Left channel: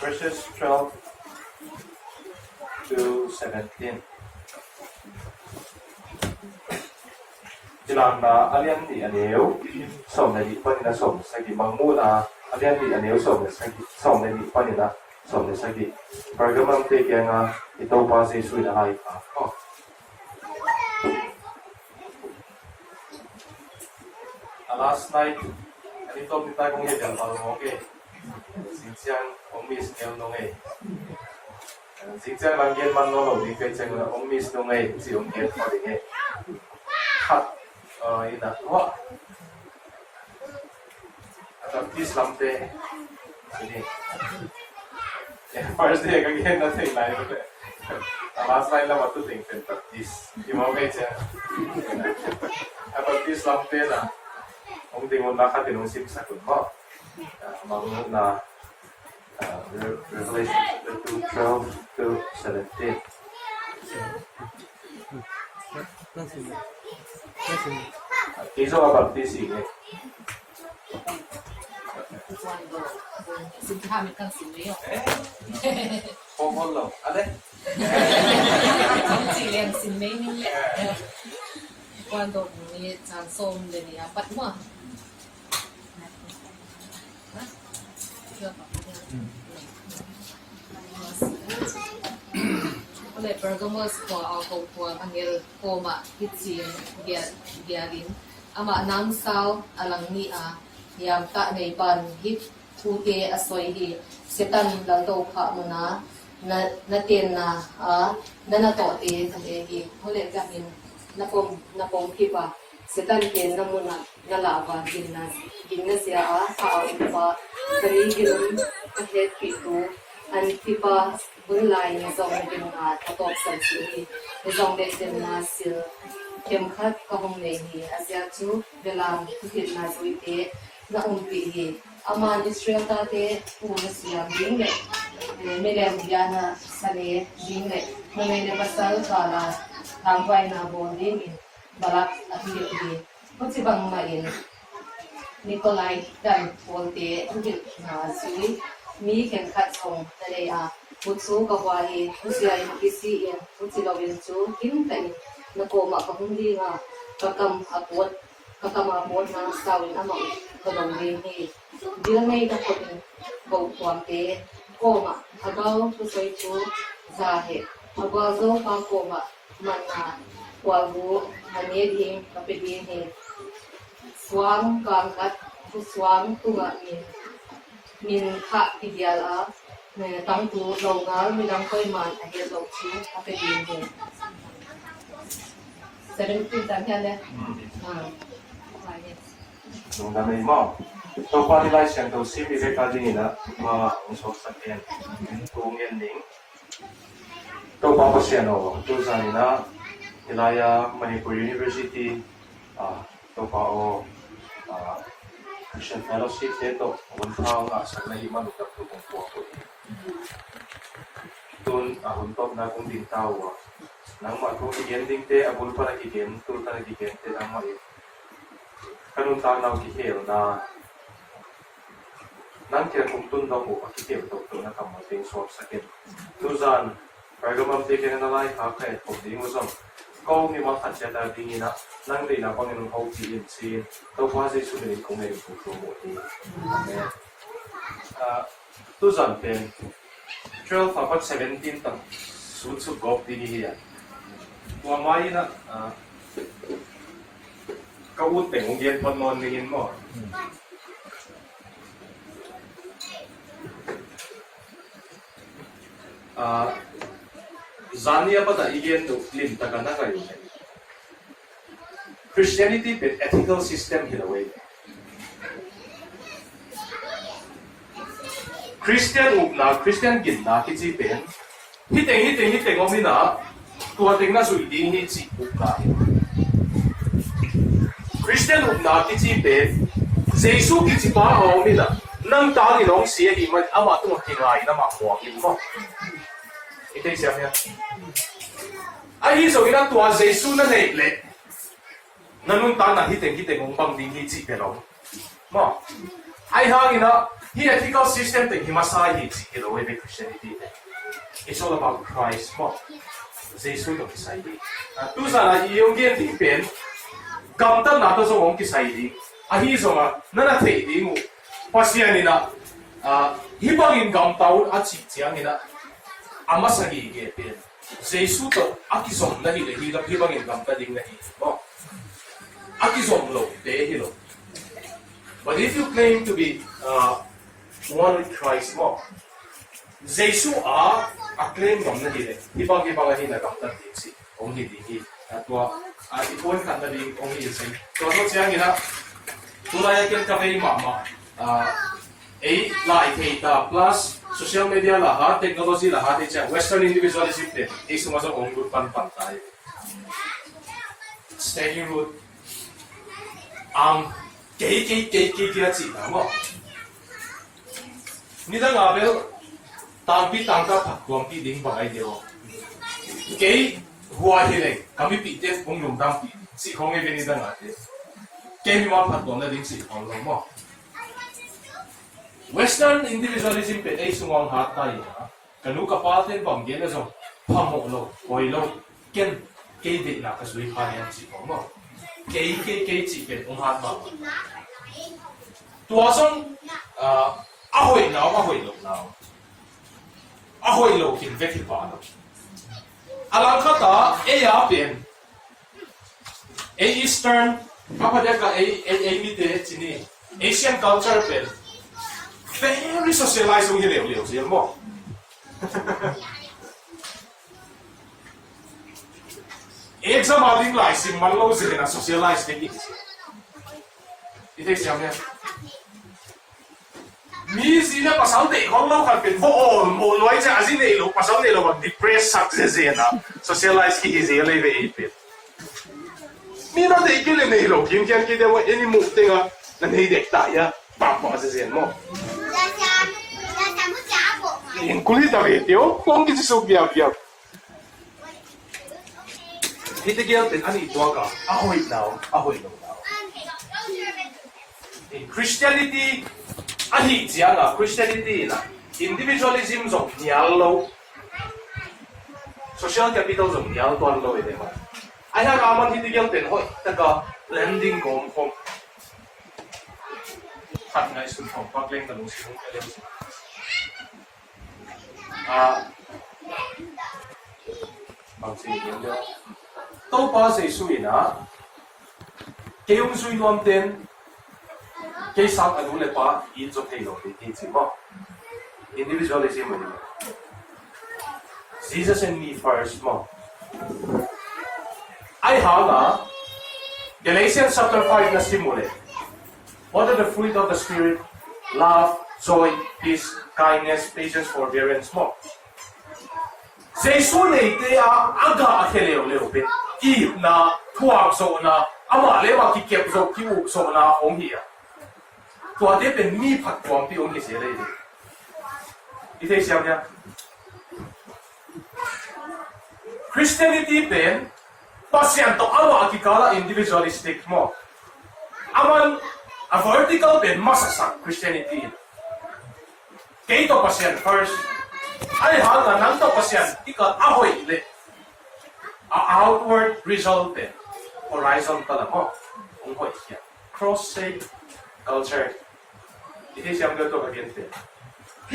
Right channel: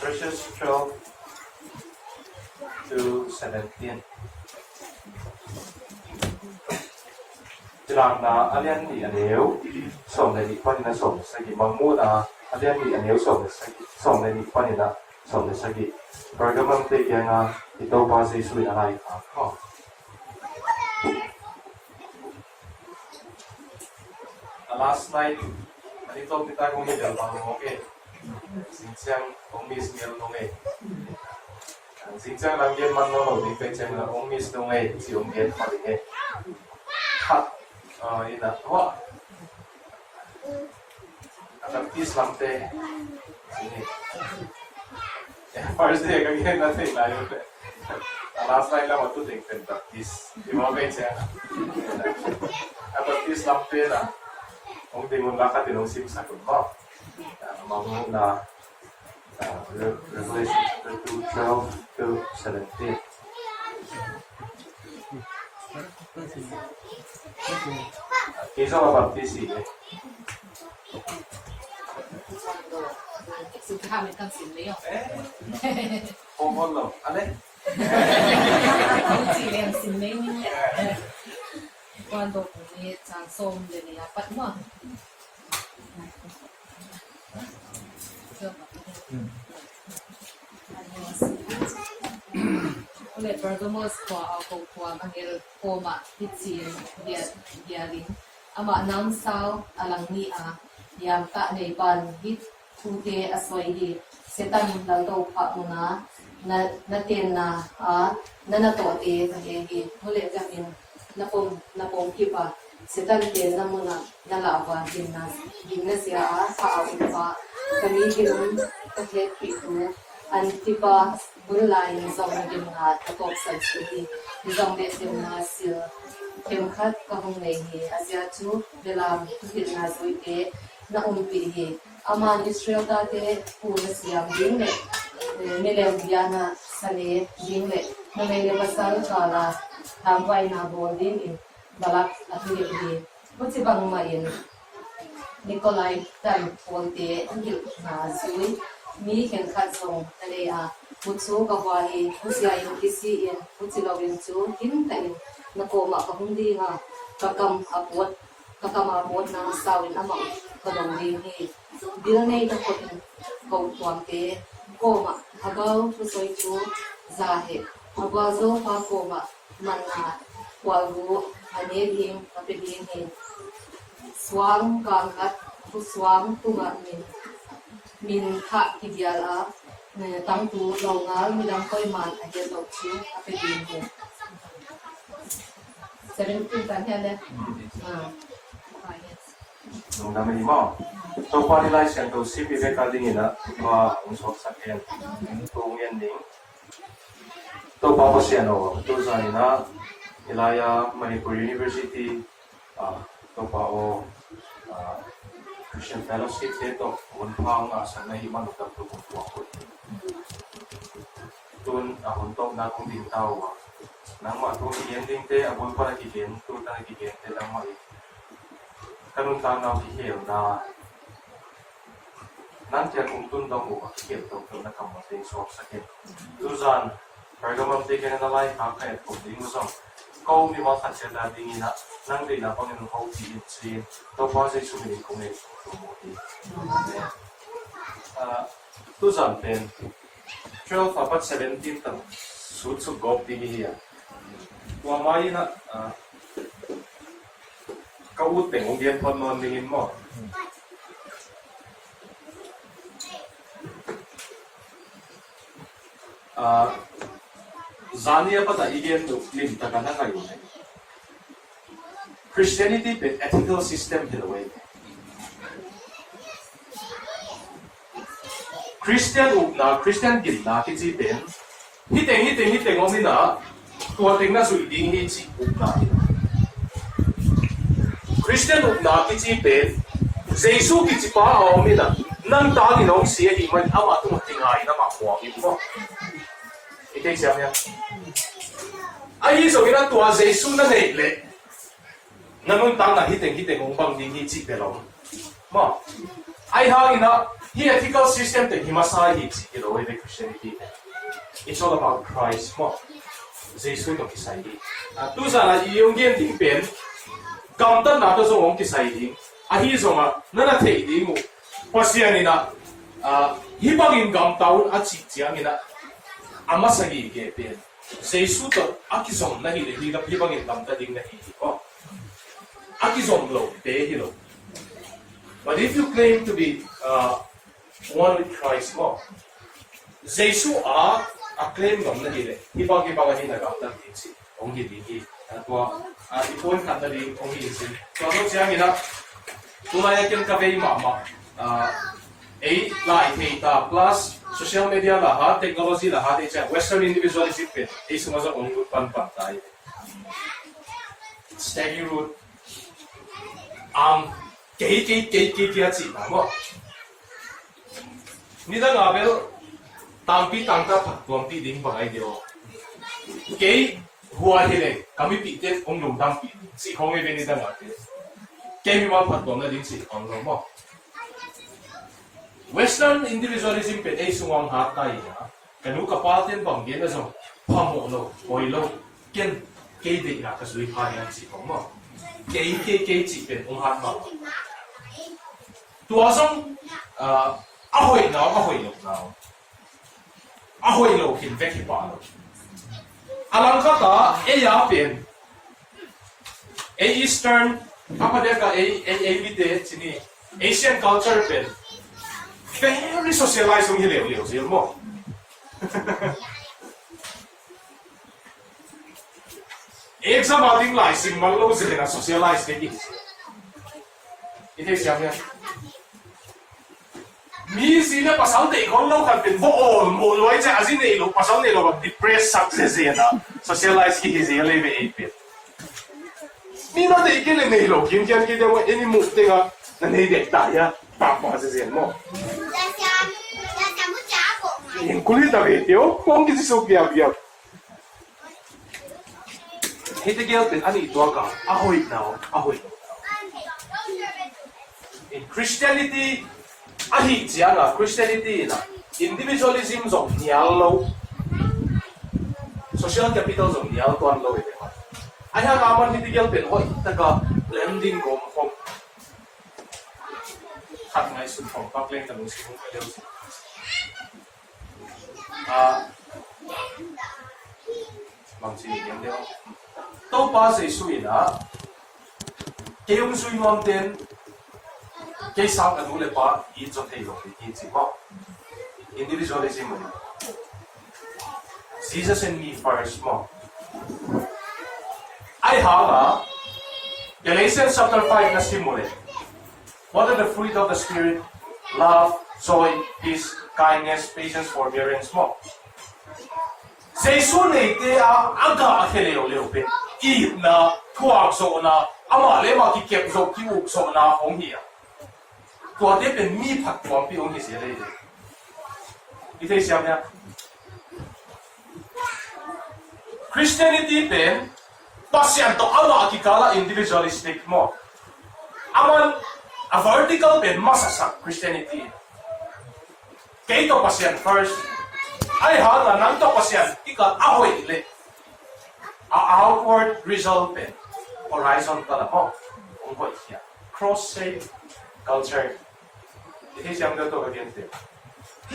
verses 12 to 17. Jilang na alian ni aneu som na di pani na som sagi mangmu na alian ni aneu som na sagi som na di pani na som na sagi pergamum te kaya nga ito pa sa isu na lai ka ko last night ito kita kong hidel pa okay sinsiang omis ngel nong sinsiang lang yan man no di kaya siya na omis nong si omget pa rin kat ina tua adaptis lamte sini first day kagyan natin layo last night lang matu ting adaptis di mo kaya siya adaptis lamte na kung di mo nakatinong simsa ko ko magmumug na Revelation 12 to 17 계속 baptisi eh. Sinabi kang sinyo. Pomolo, ale? Ang silang sinyo niya. Cuando ni transform de ni apat mo. Oleh Pergamos ko ako po ang koma hitsin diarin ama nang sao alang ni a yam ta nei ban hit tute asoy hi setan laldo pha muna na ten na na to te he hi hole gamin na pom kipa setan ten na muna ngala ba ginna sia a sa pa kami ginum ka het pitu an tipa bunlai ni zong din ha top san si zong de din na sil kem khat ka hong nei hi asia chu belam tin na zoi te na umpi hi ama Israel ta te puna siam ding le melem diana sale ding le na nei le basal kala thangwai na bon ding in balak ahi hi muchi bang ma in Nikolai dan ponte ngil na zui mi ken khat song tale a putsu ka wahi usia in kisi in putsi lawin chu hin tai na ko ma ka hundi nga kakam apot kakama apot na sawin amang kadong ni dil nei ka ko ko tuam te ko ma agaw pusoi chu zahe agaw zo pa ko ma manna wagu ane him kapidin he swang kangkat swang tunga min kha ideal a ne tang tu lo ngal mi dang koi man a he lo chi a pe din he 17 tan he le nung dami mo so pa nila siyang to si bibek ading ina ma usok sa en kung ending to pa pa siya no to sa nina Ilaya Manipur University to pa o Christian Fellowship dito unpang sa nahiman ug kaputong ko tun ahuntok na kung din tawa nang matong ending te abul pa nakikin tun ta nakikin te nang mai kanun ta na kihel na nan kaya kung tun daw ko kihel to na kamuting source akin tuzan Pergamum te kaya na lai ka kaya kung di mo sang kau ni mga tansya na dingin na nang di na Panginoon kau sin to pa sa sunin kung may promote tuzan pen 12 apat 17 tang sutsug gop dinihiya kumamay na kauteng kung yan panon ningin mo Zania pa da igen to lim taka na kayo Christianity been ethical system hilaway Christian gin na kitsi pen hiteng omi na tuwating na suiding hitsi ukna Christian na kitsi pen Jesu kitsi pa omi na nang tangin om siya iman ama itong hinay na makuwangin mo Ito siya niya. Ay, so ina tuwa Jesu na naigle. Nanong tang na hiteng mong bang ding hitsi pelong. Mo. Ay hangin na He ethical system te himasai hi chi lo we Christianity. It's all about Christ mo. Jesus to kisai di. Tu sa la yung gen ting pen gam tan na to so ong kisai di. A hi so ma na na thei di mu. Pasian ni na hi bangin gam taun a chi chiang ni na ama sagi ge pen. Jesus to akizom na hi le hi bangin gam ta ding na hi. Oh. Akizom lo de hi lo. But if you claim to be one with Christ mo, Jesus claim gam na hi le. Ibang hi na gam ta ding si. Ong hi di hi. Atwa ikon kan na ding ong hi si. So ano siya ni na tulay ken ka kay mama. Lai theta plus social media lahat, technology lahat ay Western individualism pe. Sumasok ong root pan tayo. Steady root. Kay kaya chita mo. Nida nga bel tampi tangka pagkuam ti ding bagay dio. Kay huwa hile kami piten ong lumdam pi. Si kong e nida nga te. Kay mi ma pagkuam na din si kong mo. Western individualism pe ay sumang hatay na kanu kapaten panggen na so pamono oilo ken kay de na kasui kanya si kong mo. Kay chi pe ong hat ma. Tuasong ahoy lo now. Ahoy lo kin veki pa no. Alang kata ya pen Eastern apa dia ka bite sini Asian culture pen very socialized yung hileo siya mo. Exam aling lai sim malo sila na socialized din. Ito siya niya. Mi sila pasal te kung lo kan pin mo loy sa asin ilo pasal nilo mag depressed success yan na socialized ki siya lebe ipit. Mi na te kile nilo kim kita mo any move tinga na nidek taya tapos sa siya mo. Yung kulit na video, kung hindi siya biyak-biyak. Hindi giltin, ano ito ka? Ahoy now. In Christianity, ahi siya nga, Christianity na, individualism zong niyalo, social capital zong niyalo to ang lo ito. Ay halaman hindi giltin, hoy, taga blending kong kat nga isun kong pakleng na nung sikong kaliw siya. Magsinigyan niya. Ito pa sa isuin na, kayong suinuam din, kay sang adule pa, ito kayo, ito mo. Individualism mo. Jesus and me first mo. Ay hala, Galatians chapter 5 na simule. What are the fruit of the Spirit? Love, joy, peace, kindness, patience, forbearance mo. Jesus ne te aga akheleo pe I na tuak so na ama le ma ki kep so ki uk so na ong hi. Tua de pen mi phat tuam pi ong ki se le de. Ite siam ya. Christianity pen pasyan to ama ki kala individualistic mo. Aman a vertical pen masasak Christianity. Kaito pasyan first. Ay hala nang to pasyan ika ahoy le. Outward result pen horizontal mo. Unghoy siya. Cross shape culture. Ito siyang gato again pen.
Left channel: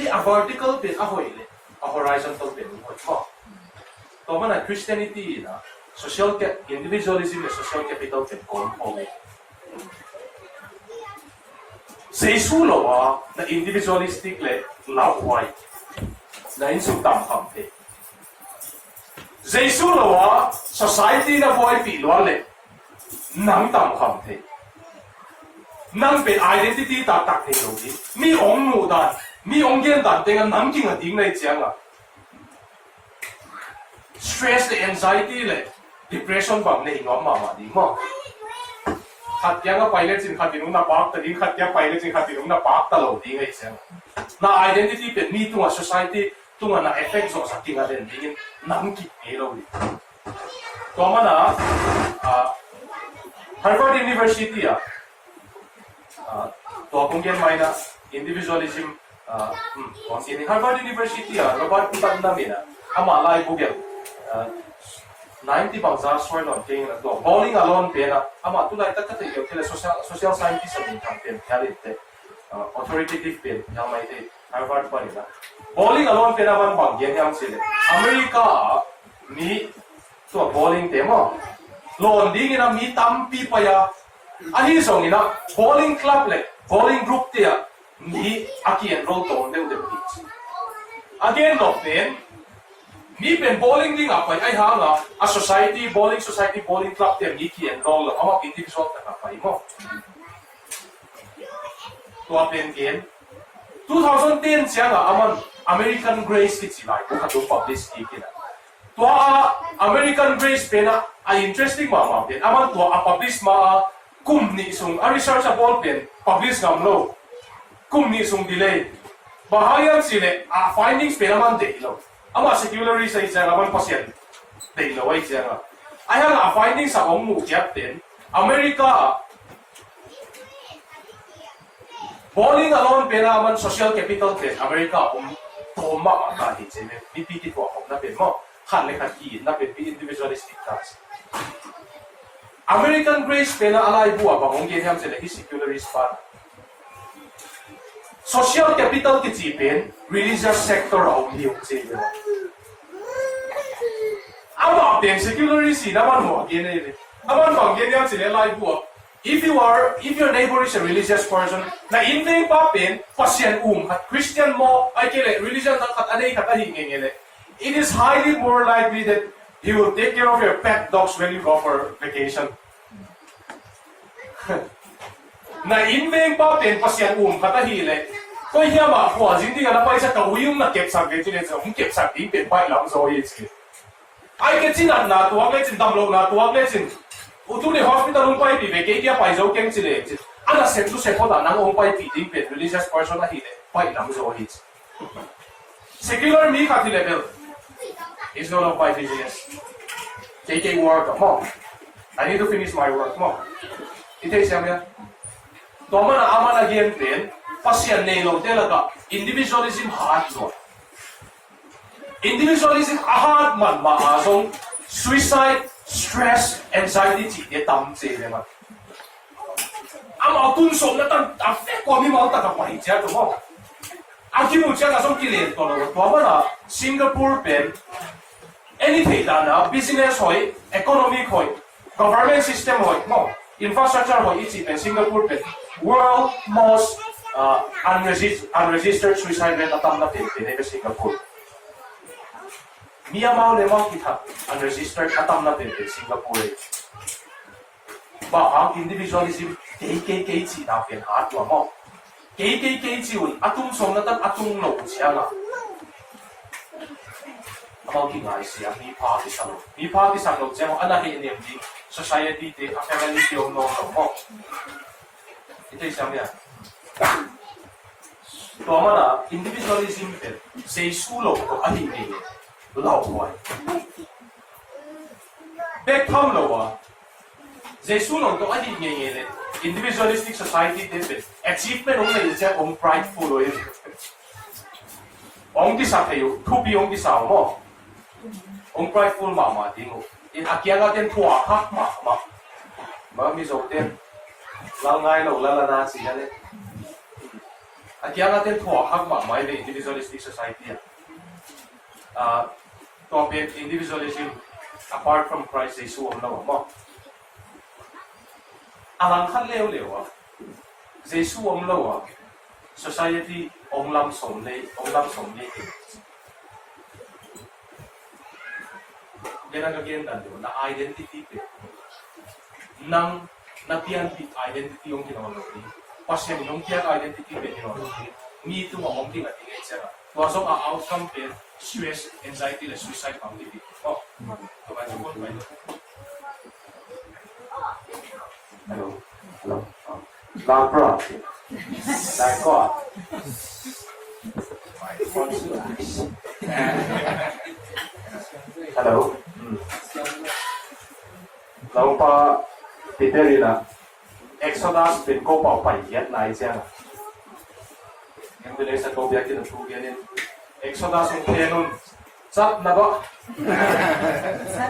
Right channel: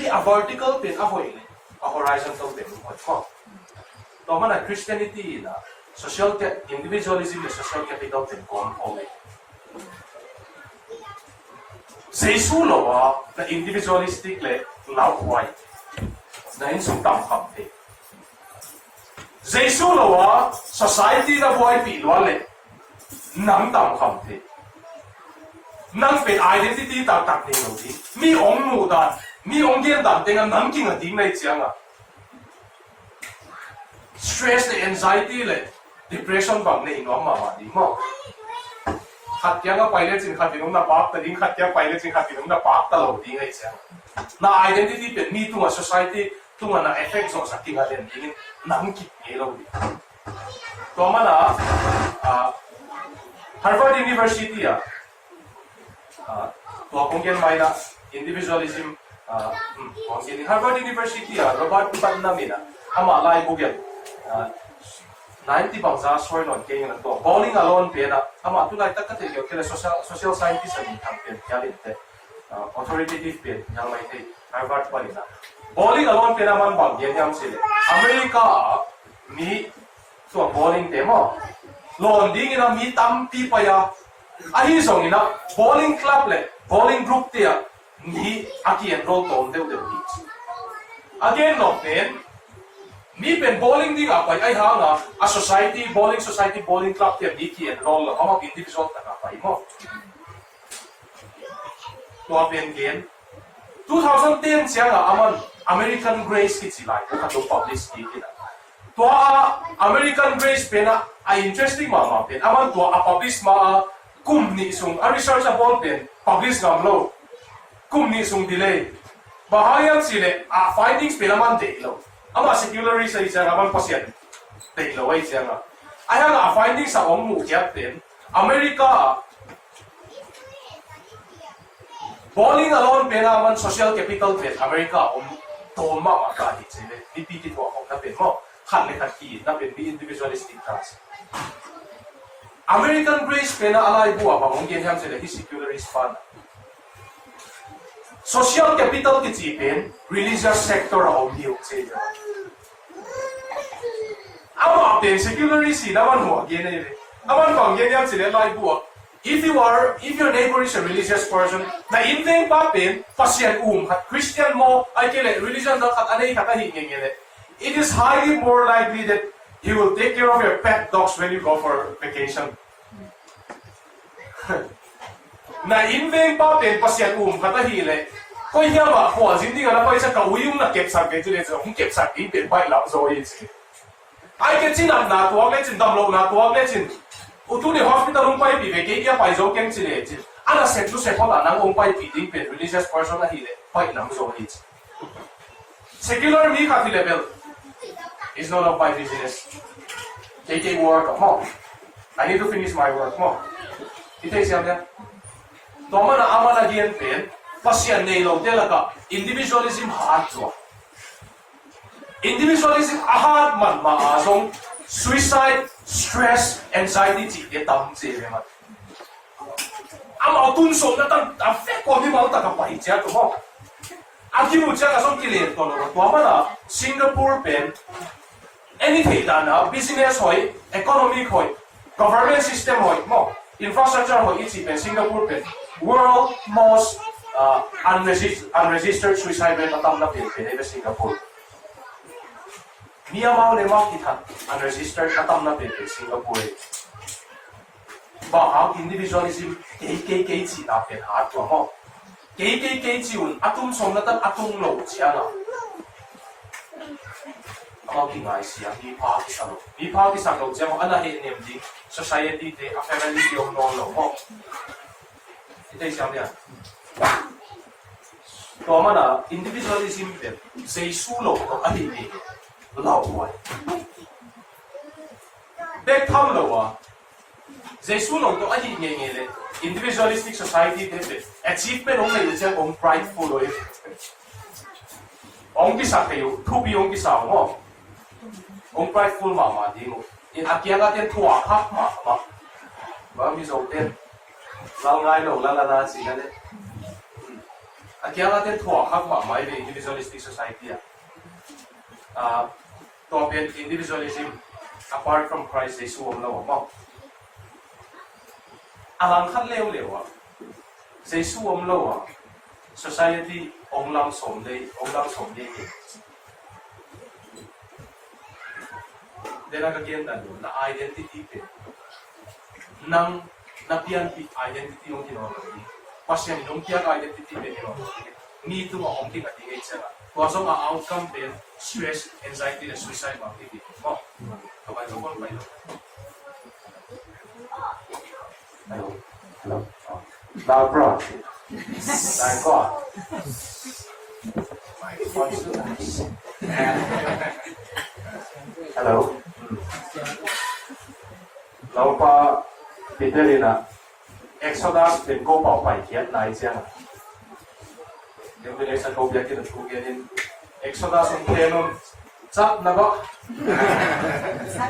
A vertical pen ahoy le. A horizontal pen unghoy mo. To man Christianity na social individualism na social capital pen component. Sa isulo na individualistic le laway na insumtam kampe. Sa isulo society na buhay pilwa le nang tam kampe. Nang pen identity tatak ni Lodi. Mi ong mudan, mi ong gendan dengan nang king ading na itsiyanga. Stress le anxiety le depression bang na inom mama di mo. Katya nga pilot sin katinong na pak tading katya pilot sin katinong na pak talo di nga isang na identity pen mi tunga society tunga na effect so sa kinga den dingin nangkip hero di to mana Harvard University to kung yan may na individualism ini Harvard University Robert Iban namin ama lai bugel 90 bangsa soil on king na to bowling alone pena ama tu lai takate yo tele social scientist ani campaign kalite authoritative pen yang mai te Harvard pa rin bowling alone pena man bang yan yang sila America mi to bowling demo Londing ina mi tampi pa ya ahi song ina bowling club le bowling group te mi aki enroll to onde ude beach again no pen mi pen bowling ding apa ai hanga a society bowling club te mi ki enroll ama individual ta pa mo to pen gen 2010 siya nga aman American Grace ki silai ko to publish ki kina to American Grace pena ay interesting ma pen aman to publish ma kumni sung a research about pen publish ngam lo kumni sung delay bahayang sile findings pena man de lo ama secularist ay siya naman pasyan de lo ay siya nga ay ang findings sa mu captain America bowling alone pena man social capital pen America toma kahit sila pipiti ko ako na pen mo kan le kaki na pen individualistic task American Grace pena alay buwa bangong ginham sila secularist fund social capital kitipin religious sector only yung sila ama pen secularist naman mo ginay naman bang ginham sila alay buwa if your neighbor is a religious person, na hindi pa pin pasyan at Christian mo ay kile religion na katanay katahingin it is highly more likely that he will take care of your pet dogs when you go for vacation. Na hindi pa pin pasyan katahile ko hiya ba ko hindi nga napay sa kawiyong na kepsag dito nito kepsag din pa lang so it's ay ketsinan na tuwag lesin damlo na tuwag lesin Utuli hospital umpay pibe kaya dia pai zo keng chile ana septu sepoda nang umpay piding pe religious person na hile pai lam zo hits secular me ka level is not of my business take work mo I need to finish my work mo ite siya niya toma na ama na gian pen pasyan nelo talaga individualism hard mo individualism ahad man maasong suicide stress, anxiety, dia tam sih memang. Amal tunso na tan affect ko mi mau ta kapai cia tu mo. Aki mu cia ka som kile to lo. To mana Singapore pen anything na business hoy, economic hoy, government system hoy mo. Infrastructure hoy iti pen Singapore pen world most unregistered suicide rate atam na pen pen Singapore. Mia mau lemang kita unregistered atam natin in Singapore. Ba ang individualism KKK ci na pen atwa mo. KKK ci un atum song natan atum lo siya nga. Ang gingay siya mi pa isang lo siya mo anahin niya di society de family yung no mo. Ito siya niya. To mana individualism pen say sulo ko ahin ni lao hoài back thăm lâu à Jesus lòng có ai nghe nghe này individualistic society thế achievement ông này là ông prideful rồi ông cái sao thầy thu bi ông cái sao mà ông prideful mà tiếng in akia la tên thua khác mà mi dấu tên lao ngay lâu la na gì đấy akia la tên thua khác mà về individualistic society à topic individualism apart from Christ Jesus ông lâu mà alang khát leo à Jesus ông lâu à society ông làm sống đây đây là cái game đó là identity pe nang napian identity ông kia nó đi passion ông kia identity pe nó me too ông kia cái gì chứ và xong là outcome pe stress anxiety là suicide bằng đi oh các bạn có phải hello loud bro đại co hello lâu pa Peter là Exodus bên cô bảo bài viết này xem Yang bila sa kau biar kita pugianin Exodus ang tenun sat na ba?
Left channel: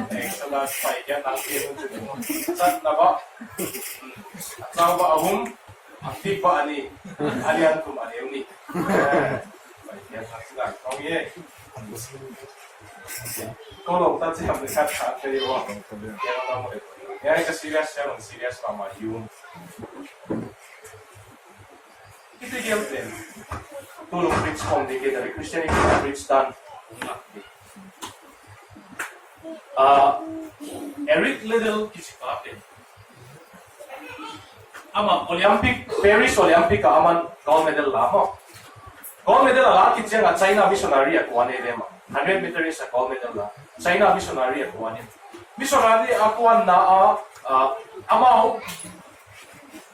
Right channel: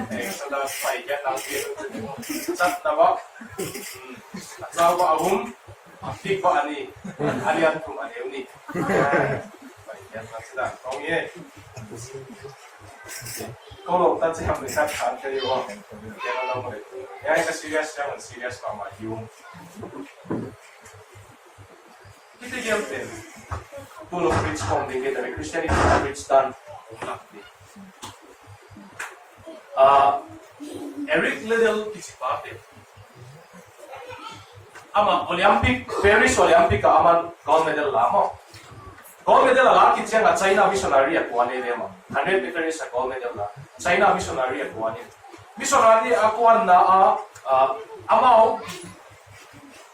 Exodus pa ikan ang tenun sat na ba? Sa ba ahum aktif ba ani alian kum ani ni. Baik ya sila. Kau ye. Kalau tak siap dekat saat jadi wah, yang orang mulai. Yang serius yang serius lama yung. Kita giampen. Tulong preach kong din kita. Christianity preach dan umlakti. Eric Liddell kisipapin. Ama Olympic Paris Olympic ka aman gold medal lamo. Gold medal la kitchen at China missionary ako ani dema. 100 meters sa gold medal la. China missionary ako ani. Missionary ako na ama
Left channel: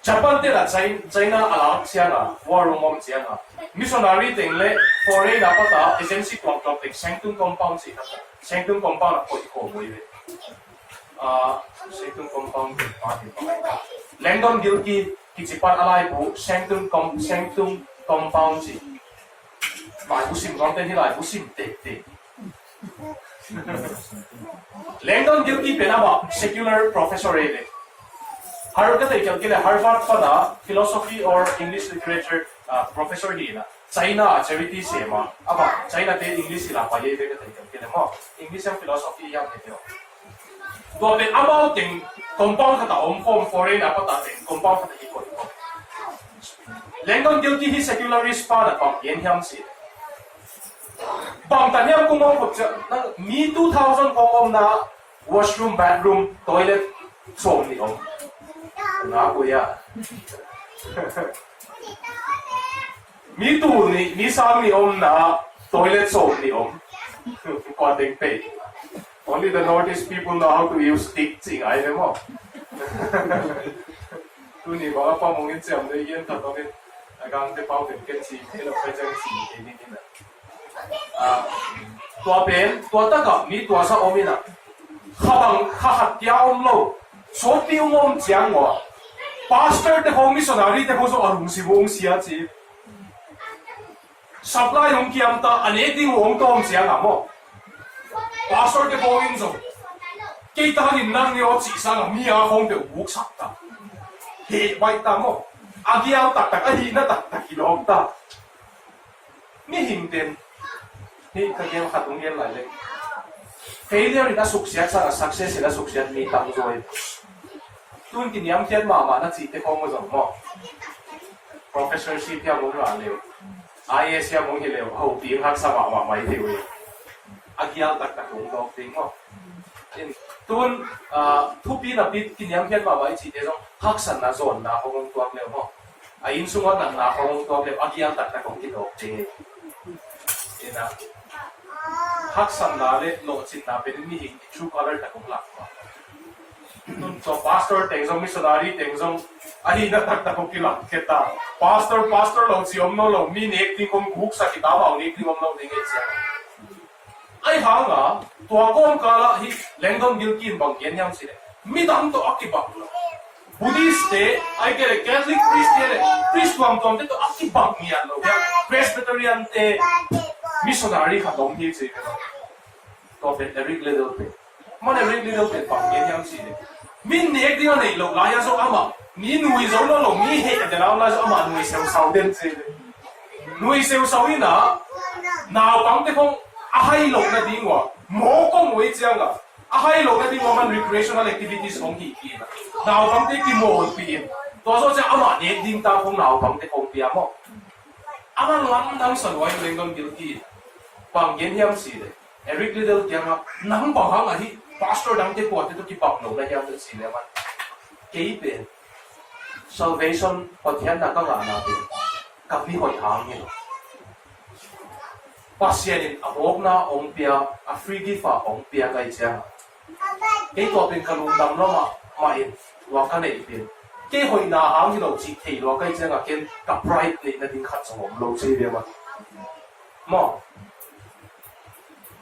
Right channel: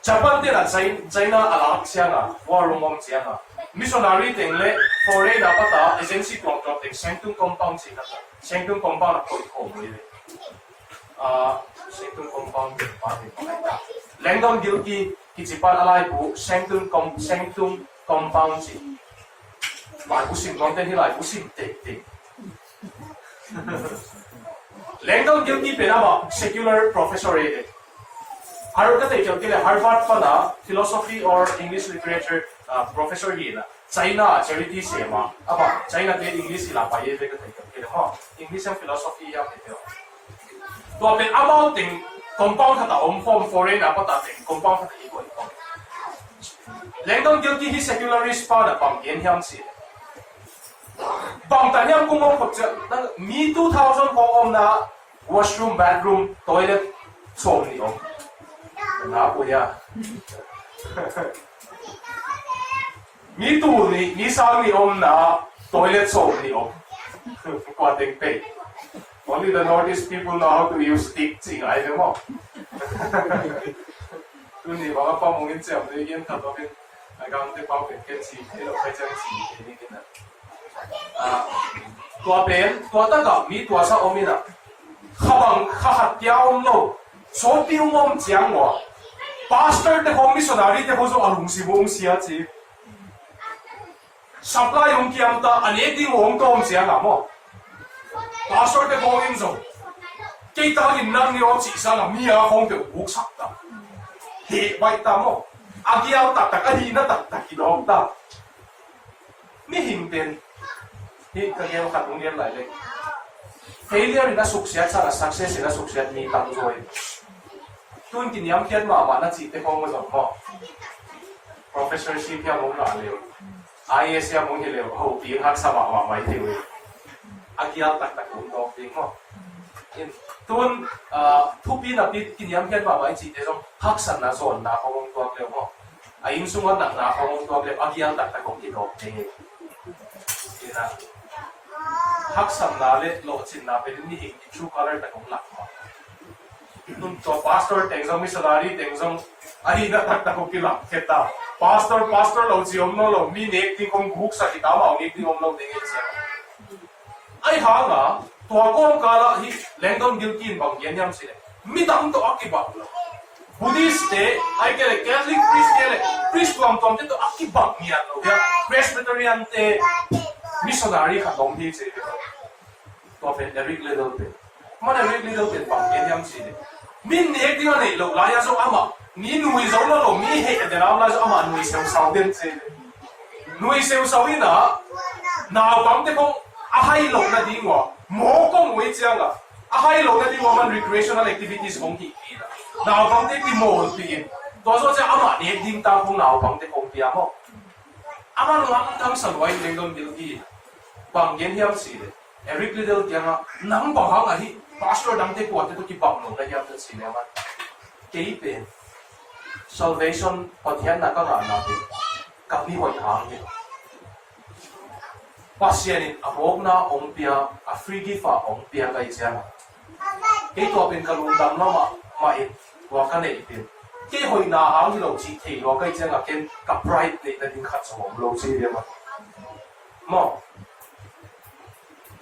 Japan de la China ala siya na war room siya na. Missionary tingle foreign dapat agency contract sanctum compound si kata. Sanctum compound ako ko mo ile. Sanctum compound pati pa. Langdon Gilkey kicipan alay po sanctum compound si. Bài pusing content hilai pusing te. Langdon Gilkey penaba secular professor ede. Harvard Harvard pada philosophy or English literature professor hina. China charity sema. Apa China de English ila pa ede ka mo. English and philosophy yang ito. To ben amount ting compound kata form foreign apa ta ting compound kata iko. Langdon Gilkey hi secularist pada pam yen hyam si. Bang tanya kung mo me 2000 ko na washroom, bathroom, toilet, so ni om. Na ko ya. Me too ni sa ni om na toilet so ni om. Cutting pay. Only the Northeast people know how to use stick sing ay mo. Tu ni ba pa mo ngin siya mo yen ta to ken agang te pau ken si hello pa jang si ni ken na. Tua ben, tua taka mi tua sa omina. Habang kahatyaw lo, so piung om jiang wa. Pastor te kong missionary te kong so arung si wong siya si. Supply yung kiam ta aneting wong tom siya nga mo. Pastor te kong inso. Kita rin nang ni o chisa nga miya kong te wuksak ta. He, wait ta mo. Agiyaw tak ahina tak ilong ta. Ni hingten. Ni kagel katong yan lalay. Failure na success sa success na success ni tang joy. Tun kiniyam tiyan mama na chite kong mo. Professorship ya mong lalew. IS ya mong hilew. Au pi hak sa mama mai tewe. Agial tak kong dog ting mo. Tun tupi na bit kiniyam tiyan mama chite jong haksan na zon na kong tuak lew mo. Ayin sungan nang na kong tuak lew agial tak kong kidog ting. Ina haksan na le lo chin na pe ni hing true color ta kong lak ma nun so pastor tengzong missionary tengzong ani na tak ta kong kilak keta pastor lo chi om no lo mi nek ti kong guk sa kita ma ni ti om lo ding etsia ai ha nga to kom kala hi Langdon Gilkey bang yen yam sile mi dam to akibak lo Buddhist te ai kere Catholic priest kere priest tom te to akibak nian lo ya Presbyterian te missionary ka dong hi chi ke to pe Eric Liddell pe man Eric Liddell pe pang yen yam si de min ni ek ding nei lo la ya so ama ni nui zo lo mi he de la so ama nui seu sau den chi de nui seu sau ina na pang te kong a hai lo na ding wa mo kong wei chiang a hai lo na ding wa man recreational activities kong ki ki na pang te ki mo pi to so cha ama ni ding ta kong na pang te kong pi mo ama lam dang san wai Langdon Gilkey bang yen hiam si de Eric Liddell tiang nang ba hang hi pastor dang te ko te to ki bang lo la hiam te si le man ke pe salvation pathian na ka na pe ka mi hoi hang ni pasien a hok na ong pia a free gift a ong pia kai cha ke to pin ka lung dam no ma in wa ka nei pe ke hoi na hang hi lo chi thei lo kai cha nga ken ka pride nei na ding khat so lo chi le ma mo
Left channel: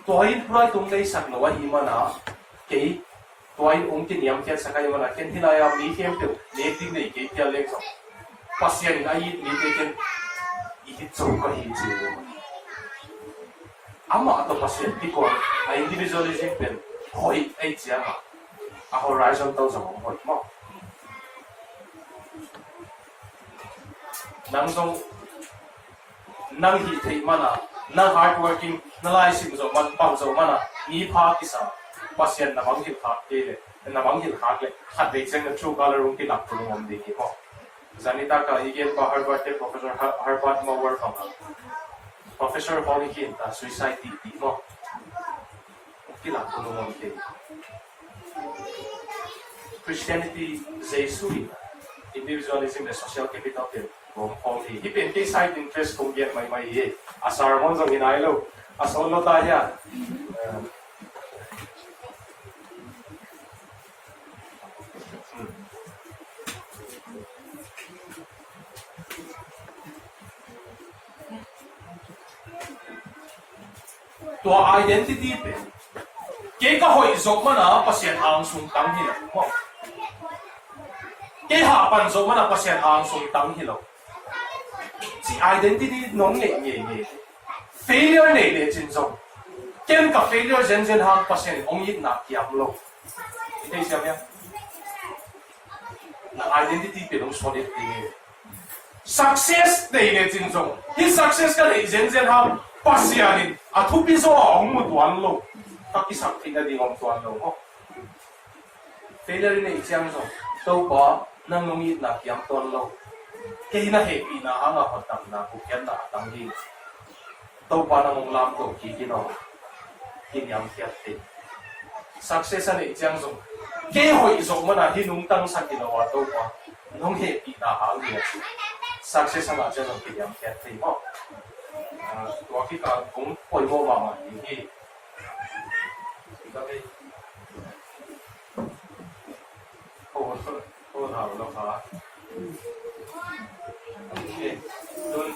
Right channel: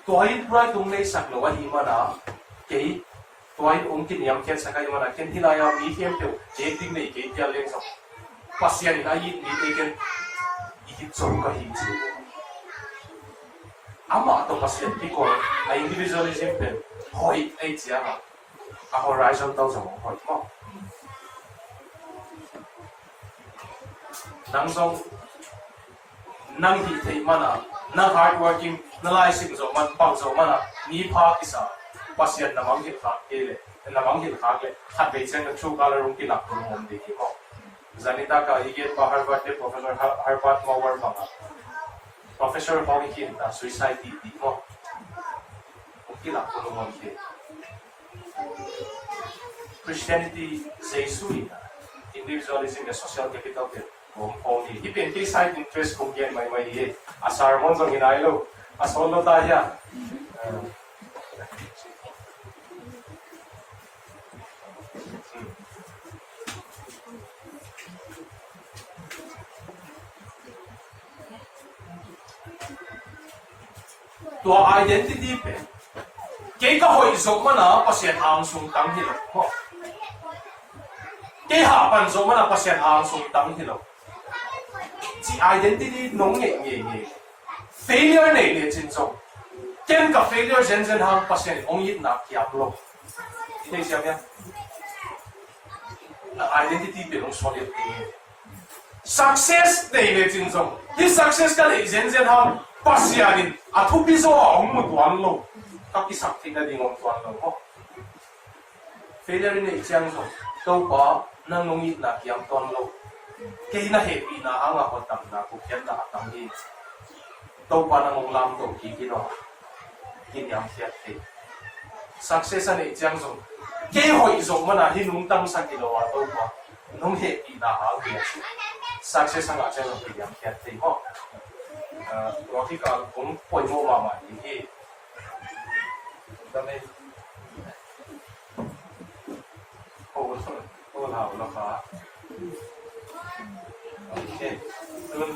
toy pride tung nei sak lo wa hi ma na ke toy ong kin yam khet sakai ma na ken hilaya mi hem pe le ding nei ke tia le so pasien ai ni te ken ihit so ka hiji ama to pasien tiko a individualism pen hoi ai chia a horizon to so hot mo nang song nang hi thei mana nang hard working na lai sim zo man pang zo mana ni pha isa pasien na mang hi kha ke na mang hi kha le khat de chang chu color room ki lak tu ngom de ki ho zanita ka igen pa Harvard ke professor Harvard mo war pa Professor Hong Kin ta suicide di mo ki lak tu ngom ke Christianity Jesuit individualism the social capital ke Hong Ipin side interest kung yan may asar mo zong hinaylo asolo tayo tua identity pe kay ka hoy zong mana pasien ang sung tang hilo mo kay hapan zong mana pasien ang sung tang hilo si identity nong nge failure ne le chin zong ken ka failure zen hang pasien ong yit na kiam lo ite siya ya na identity pe nong solid ni success ne le chin zong hi success ka le zen hang pasianin athu piso ong mu tuan lo ka ki sak thi na ding ong tuan lo mo failure ne chiang zong to pa nang nong yit na kiam ton lo kay na happy na ang ako tam na kukyan na atanggi daw pa nang lam to kikino kinyang fiyate success ani ijang zong kay hoy zong mana hinung tang sa ginawa to pa nung happy na ang niya success ang ajan ng kinyang fiyate mo waki ka kung hoy mo mama hindi kami halo ka okay, dun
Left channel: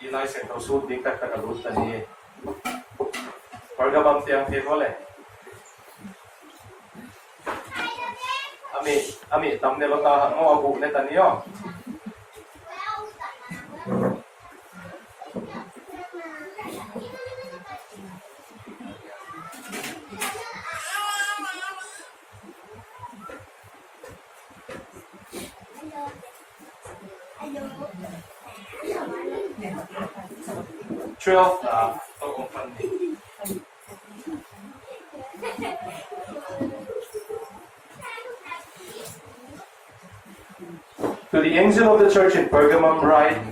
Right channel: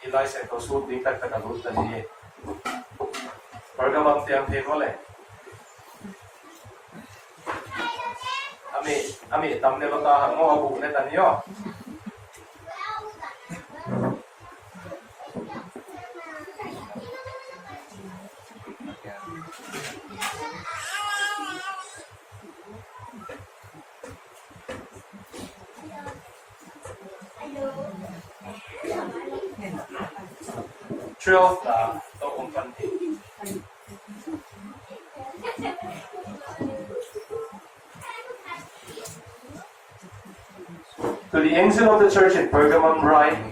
ilai sen tau su ding tak tak lut tadi Pergamum tiang the kole ami tamne lo ta mo abu ne tani yo To the angel of the church in Pergamum write,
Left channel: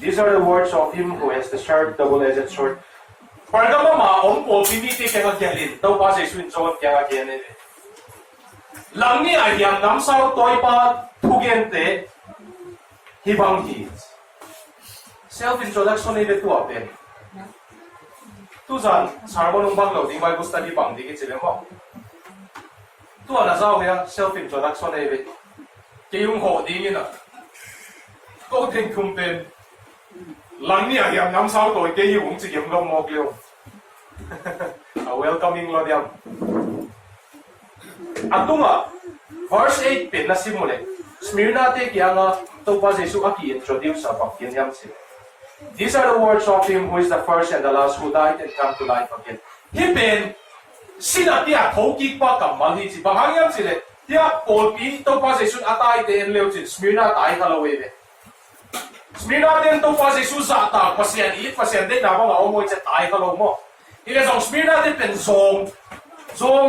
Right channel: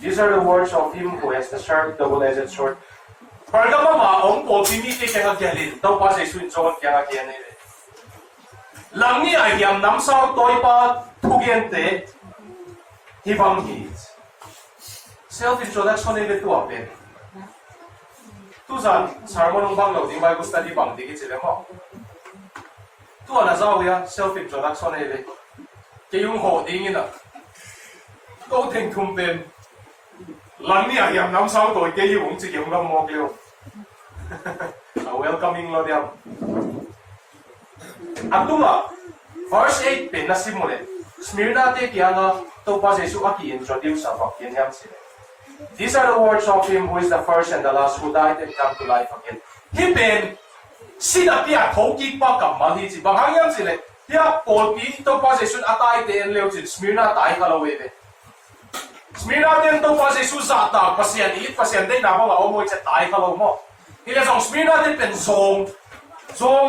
these are the words of him who has the sharp double-edged sword. Pergamum ong opportunity kaya gelin, daw pa sa swin sword kaya gelin. Lang ni ay yang namsaw toy pa tugente hibang his. Self-introduction ni tu ape. Tu san sermon ng banglo di may gusto di bang di kitile mo. Tu ana zaw ya self-introduction ni kayong ho dingin na. Go ting kumpen. Lang ni ay yang namsaw toy kay yung si yung gam mo kleo. Welcoming lo diam. Ato nga verse 8 pen na simule. Smyrna te kaya nga to pa Jesu aki introduce sa pakinyam sila. These are the words of him who is the first and the last, who died and come to life again. Hiben sila tiya thoki pa kamal hi si banghangyan sila. Tiya Paul pinto pa Jesus atay den leo si Smyrna tay kalawe be. Smyrna den to pa Jesus ata pasian ilit pasian den na mga omoy sa tay kalaw mo. Ila sa Smyrna den pen zong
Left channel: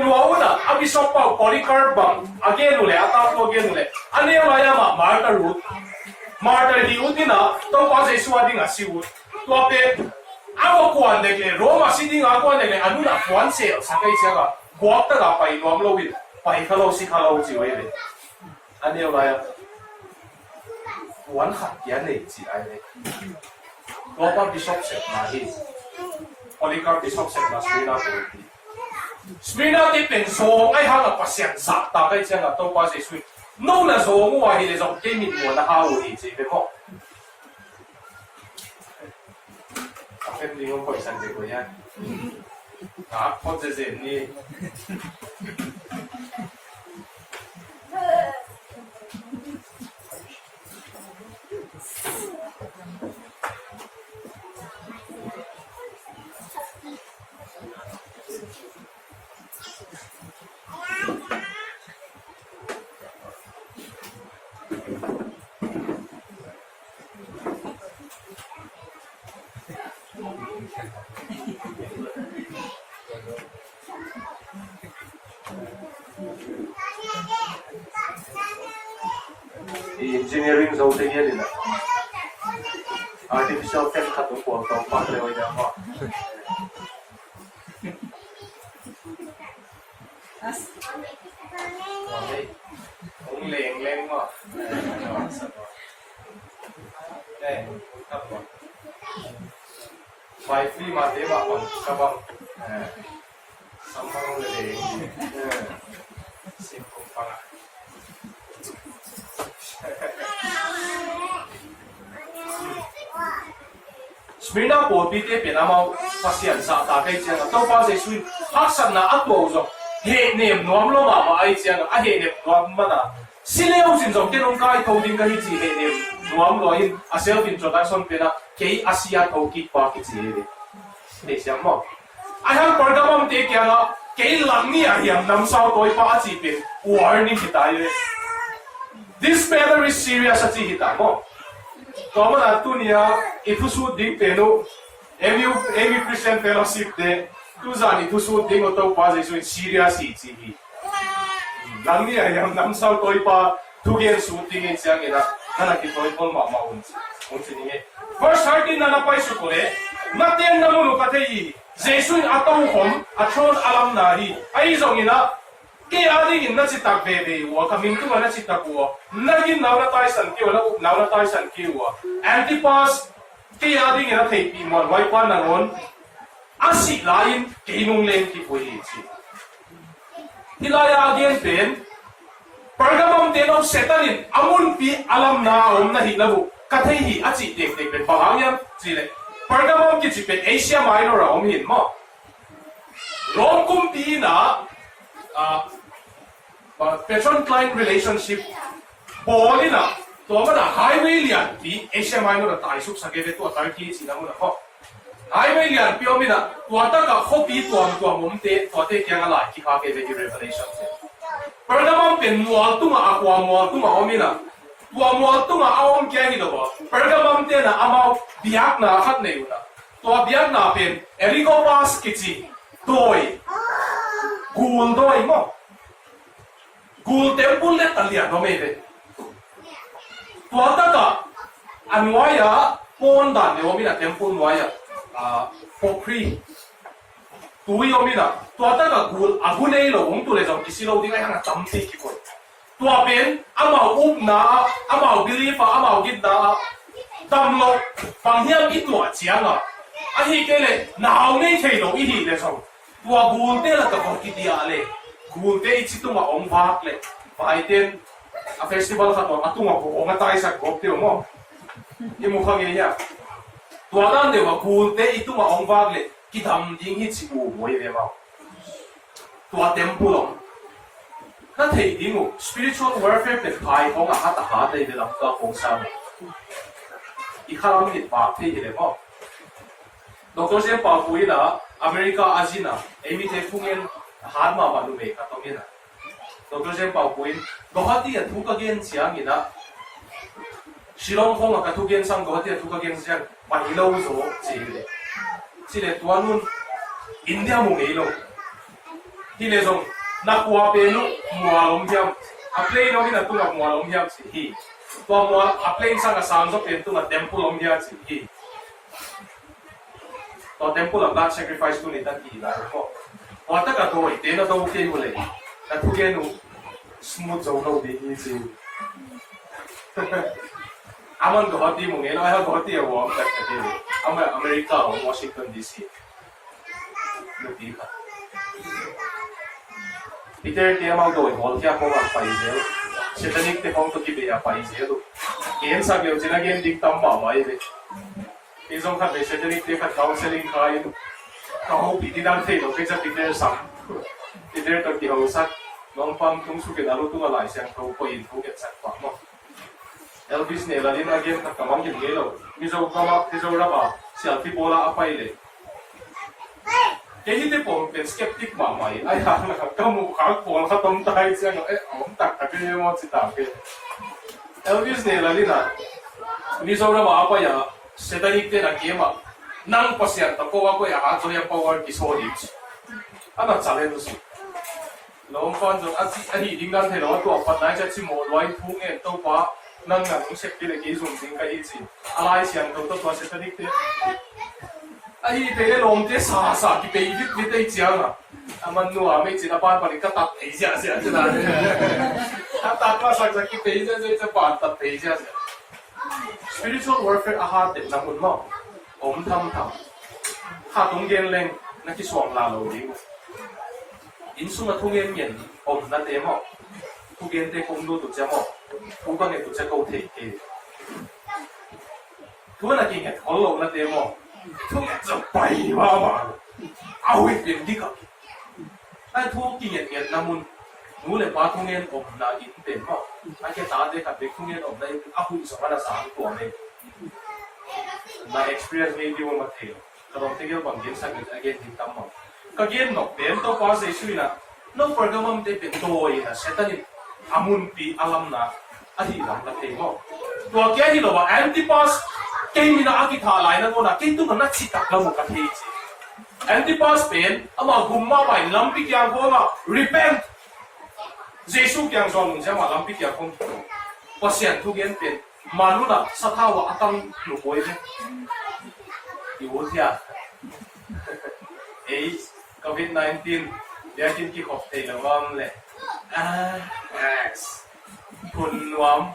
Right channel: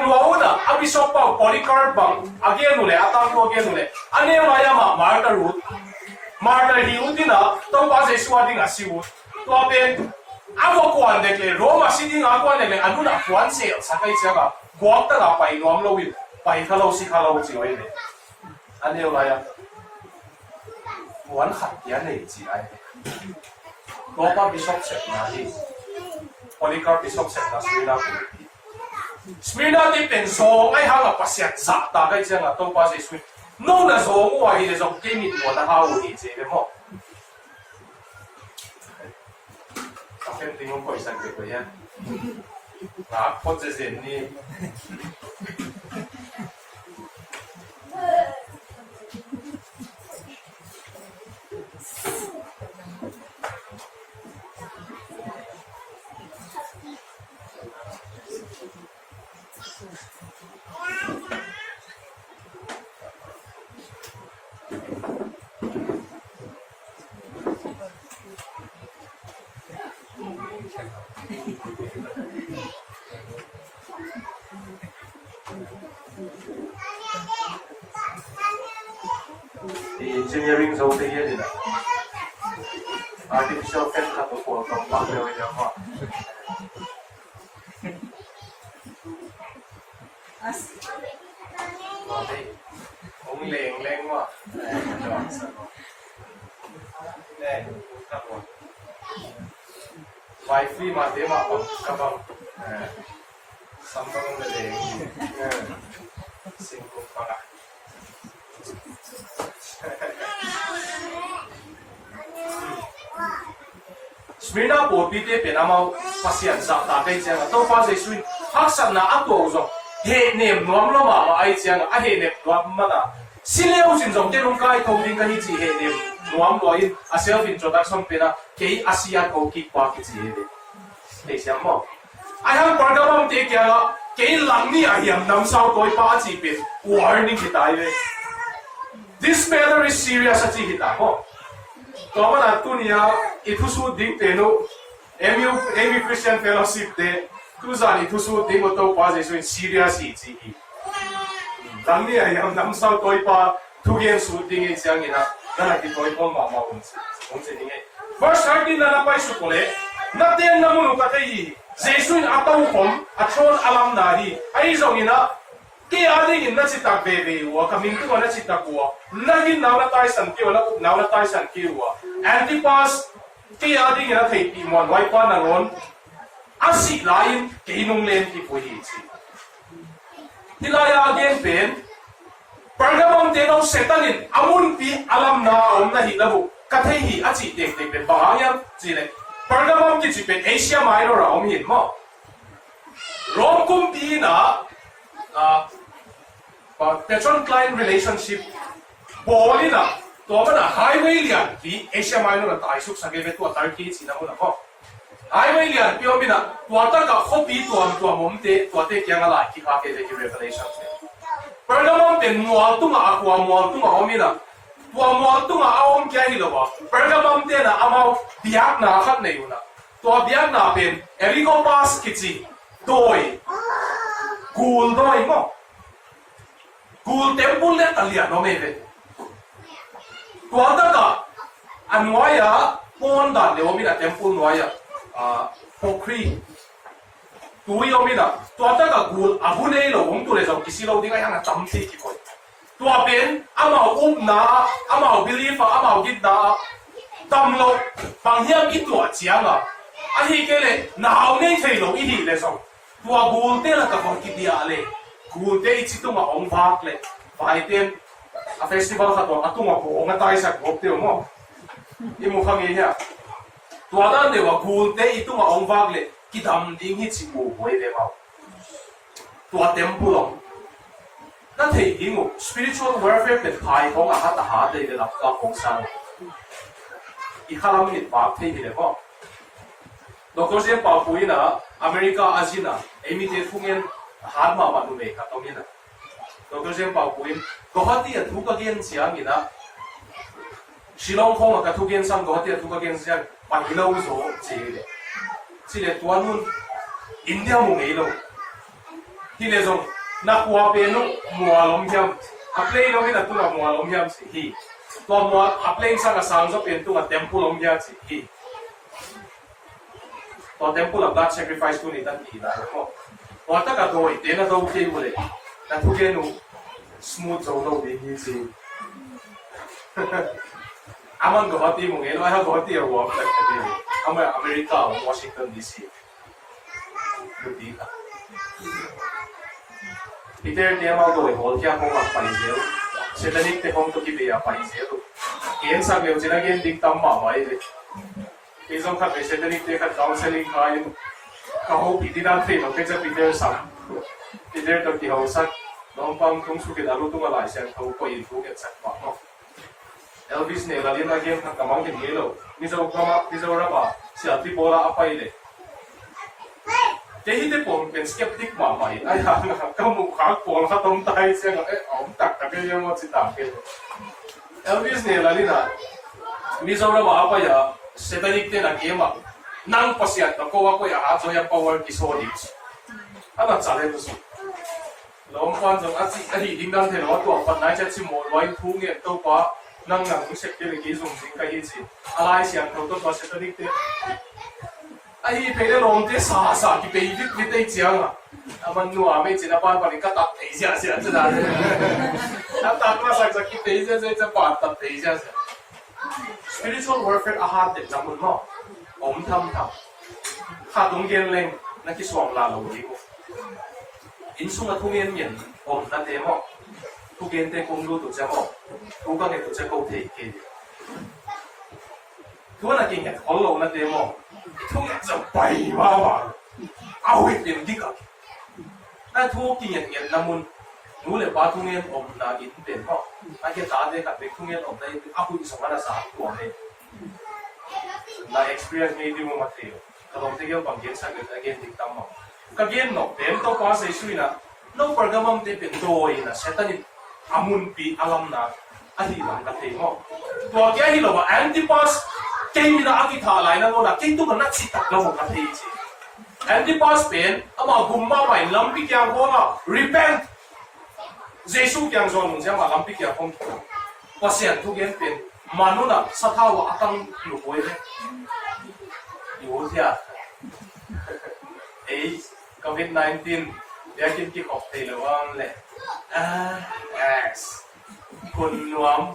luauna abisop pa Polycarp bang again ule atato again ule. Ano yung mayama Martha Ruth Martha hiutin na to pa Jesus ading asiut. Tuape ako kuan dekle Roma City nga kuan dekle ano na kuan sale sakay siya ka. Buwag ta ka pa inuam lawin. Paikalaw si kalaw si wele. Ano yung mayama buwan khatyan eh si ay. Tuapa Bishop set na hi. Polycarp Bishop set na Smyrna Ruth. Smyrna di penso ay hanga pasyan sa takay siya nga to pa Jesus. Nung na zo mo ay ile zong timid mo na hawi jebe mo. Akin din yung pagsan ko yan. Ako sa ni. engineering zo te gaya din artificial fan katong po tong paglewa niya mo okay kung leng mo kapwa wifi mati mapang kabang sambang leleng singkong panga Smyrna po pite penamau pasian sa takay siya na to pa sa swin haksan na ato zo he nem nom lo ma ai siya na he nem nom ma na silew sin zo kenong kai thong ding ka hi chi he nem nom lo in a self introduction pe na ke asia ko ki pa ki chi he de siya mo ai hang pargamam te kya na ke lang ni a hiam nam sao koi pa chi pe warning ki tai re this matter is serious a chi hita mo Toman atunia itusu ding teno MU Christian Fellowship de tuzan itusu ding oto pa jesu in serious chi lang ni ayam nam sao koi pa tugen su ding in siang ina na ki koi pon ma un ding first heartin na pai su kole na teng na mu ka thei jesu in atau hom atron alam na hi ai zong ina ke adi in na chi tak bebe wa kamin tu na chi tak wa nagin naw na tai san ki wala up naw na tai san ki wa antipas ke adi in na thei pi mon wai pa na ron asi lain ke nung len ki pui chi hilaya again pen pergamum de no setanin amun pi alam na om na hilabu ka thei hi achi tek tek pen bangayam chi le pergamum ki chi pen Asia Minor om hin mo rom kum pi na patron-client relationship boli na to mana highway lian di Asia Minor ta isuk sage ve to Turkey china mo na ko highway lian pio mina to ta ka khopi to mumte to te kya ngala ki kha ke de revelation pergamum pen mual tu nga akwa mual tu nga omina to mual tu nga awom kya ni lo ba pergamum te na amau biak na khat nei una to biak na pen erigo pas kichi doi Gul doi mo. Gul temple le talia no meve. Tuada ka anwaya pon dan le omina temple nwaya pokri. Tui omina tuada ka gul ahune lo ong tu le jong kisilo dinga hanga tamti ki ko. Tua ben ama na ama believe ama gidda tamlo panghiam itu achianga. Ahi kele na aune thelo ihi le jong. Tua gulte la ka ko kitia le gulte ichitu ma ong bak le baiten a festival ka to atunga ko ong atai sa gop te mo imo khangi nya tua dan de wa gulte itu ma ong bak le kidam ding hi chi mo moi de ma tua temple na thei ding spiritual warfare pe thai ong a ta ha de la ka kong sang I khalam ni pa thei de mo Dr. Jem Pau Puina America Azina emite fungen harma manu me ka tomina Dr. Jem Pau Puin gohati a thuka gen chiang ina Shillong khong ka thu gen sam gohati a thuka gen chiang pa hilo zo chile tuanun India mu meilo hile zong na kwa pe no mualom jam a play no mina tunga mualom jam si hi to mual a play sang a sang zo pen tunga temple om jam si hi to temple of that sacrifice tu ni ta ki la ko wa ta ka to i te na do ke bole ta thu ke nu smooth zo no de hi chi amon go hati mo ngelo ha go hati wa ta ka de America Washington DC lu ti ka Peter te ma do hol kya ko ka pai zel satanic te kong to ki be ya pai zel ken sa me jena gen dik tam ba mai le Isong ka satanic te ka counseling kain ka ho pi dan fe no pe cha Peter sam Peter to ki ho sat long pam tung su ke dalu tu ma lai sang ko ko in fu ke sat pa mo Elvis ne la lim again ka kamang ke gelo mi zo ra ba sia ti bola apai le Jadi te pong pen skeptic ma mai ai ha ka mu kha ko kha tom tai sang om tak ka ke mo chi ta ke Elvis ne la lina mi zo ra ba apa ya Satanic te na game nang pasiat to ko ko ya ha joya power ki so ni ana challenge su lom fan jo ati ding dan the lo to pat nai cha chi mo loi thu nge to pa nang nang se ke le ki zum ding ka hi chi alai sian to pa Satanic te ai pe le lom te sa ki pe ni te chiang aman nu a me chi na pa pa ni ka tat ei ja sia cha da ta ta ma sa ki pe ja cha pa tat ei ja spiritual warfare a hat de na mun mo om tham tham ha tung gen leng na ki swam la lo di in sung na thung gen yen om na te mo thu gen te kong lu tu cha mo thu ka nge tu cha ko the ke thu na ki nge thol lo na te mo thu nge cha pai ma ma a wi den di ka ai thu ki nge yen na mun nu le ba thung gen om na in pe mo ai ke ta de ka pe thung gen om na a hu so na sa tu ne na experience maybe mo mateo kalong tigil bang gen sa again di tamo kagien no ben to pa sa issue na no pergamam te pentoy na setani amun pi alam na ahi lang na te mo to kya hi lo ba antipas ke mi na aki tha lai na no na ke tu na chi tak la mo ka the chi antipas pen ama gumma mai lampi kya go na repent jesu kyang so nung ja ma lampi kya khong pasien thu gen pen manuna sathawa atang lu boy ne iwotia ei COVID-19 dia kin ki khop te lawam le yes kun nuam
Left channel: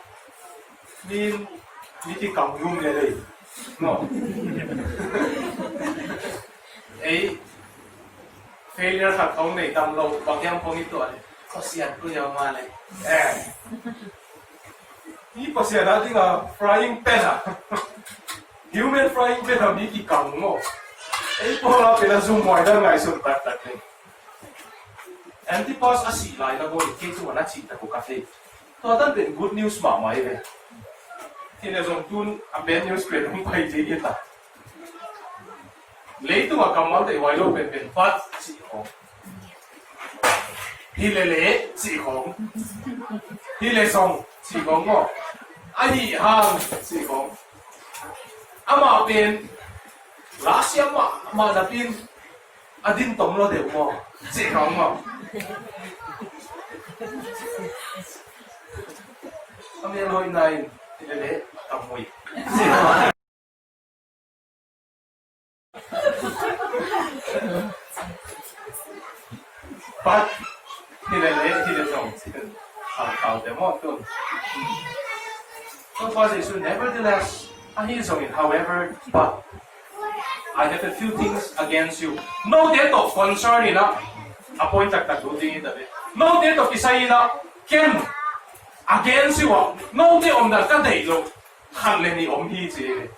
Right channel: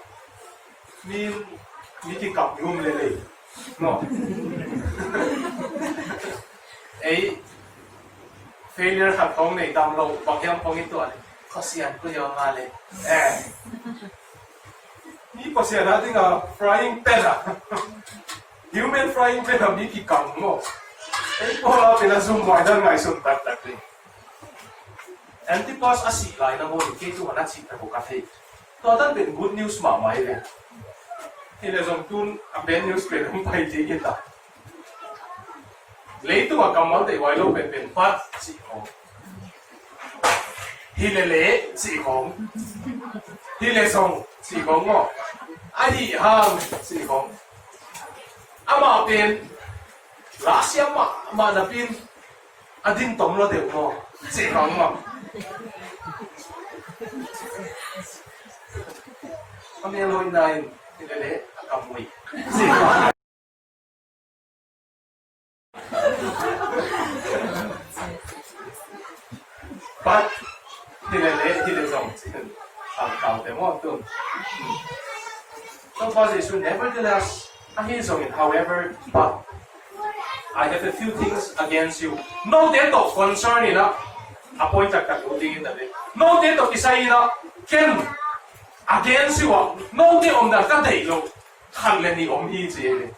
ni ki kam ngum le no ei failure khat khong nei tam lo bang yam khong i to le khosian ko yo ma le ni pasian na tinga frying pan human frying pan am ni ki kam mo ei po la pela zoom mai da ngai sun tak tak ni antipas asi lai na mo ke tu na chi ta ko ka the to dan ben good news ma mai le ti le zong tun a ben news pe hum pai je ke ta le tu ma kamal de wai lo pen pen pat chi ho hi le chi hong hi le song chi hong mo ai hang chi hong ama pen Russia ma na pin adin tom lo de mo chi hong mo kami loi nai le kamui chi hong but He song how them walk to. So position, nevertheless, he is on it. However, but I have a few things against you. No date of concern ina appoint tak ding in the way. No date of isay ina ken against you. No date on the day lo hangle ni hi ji.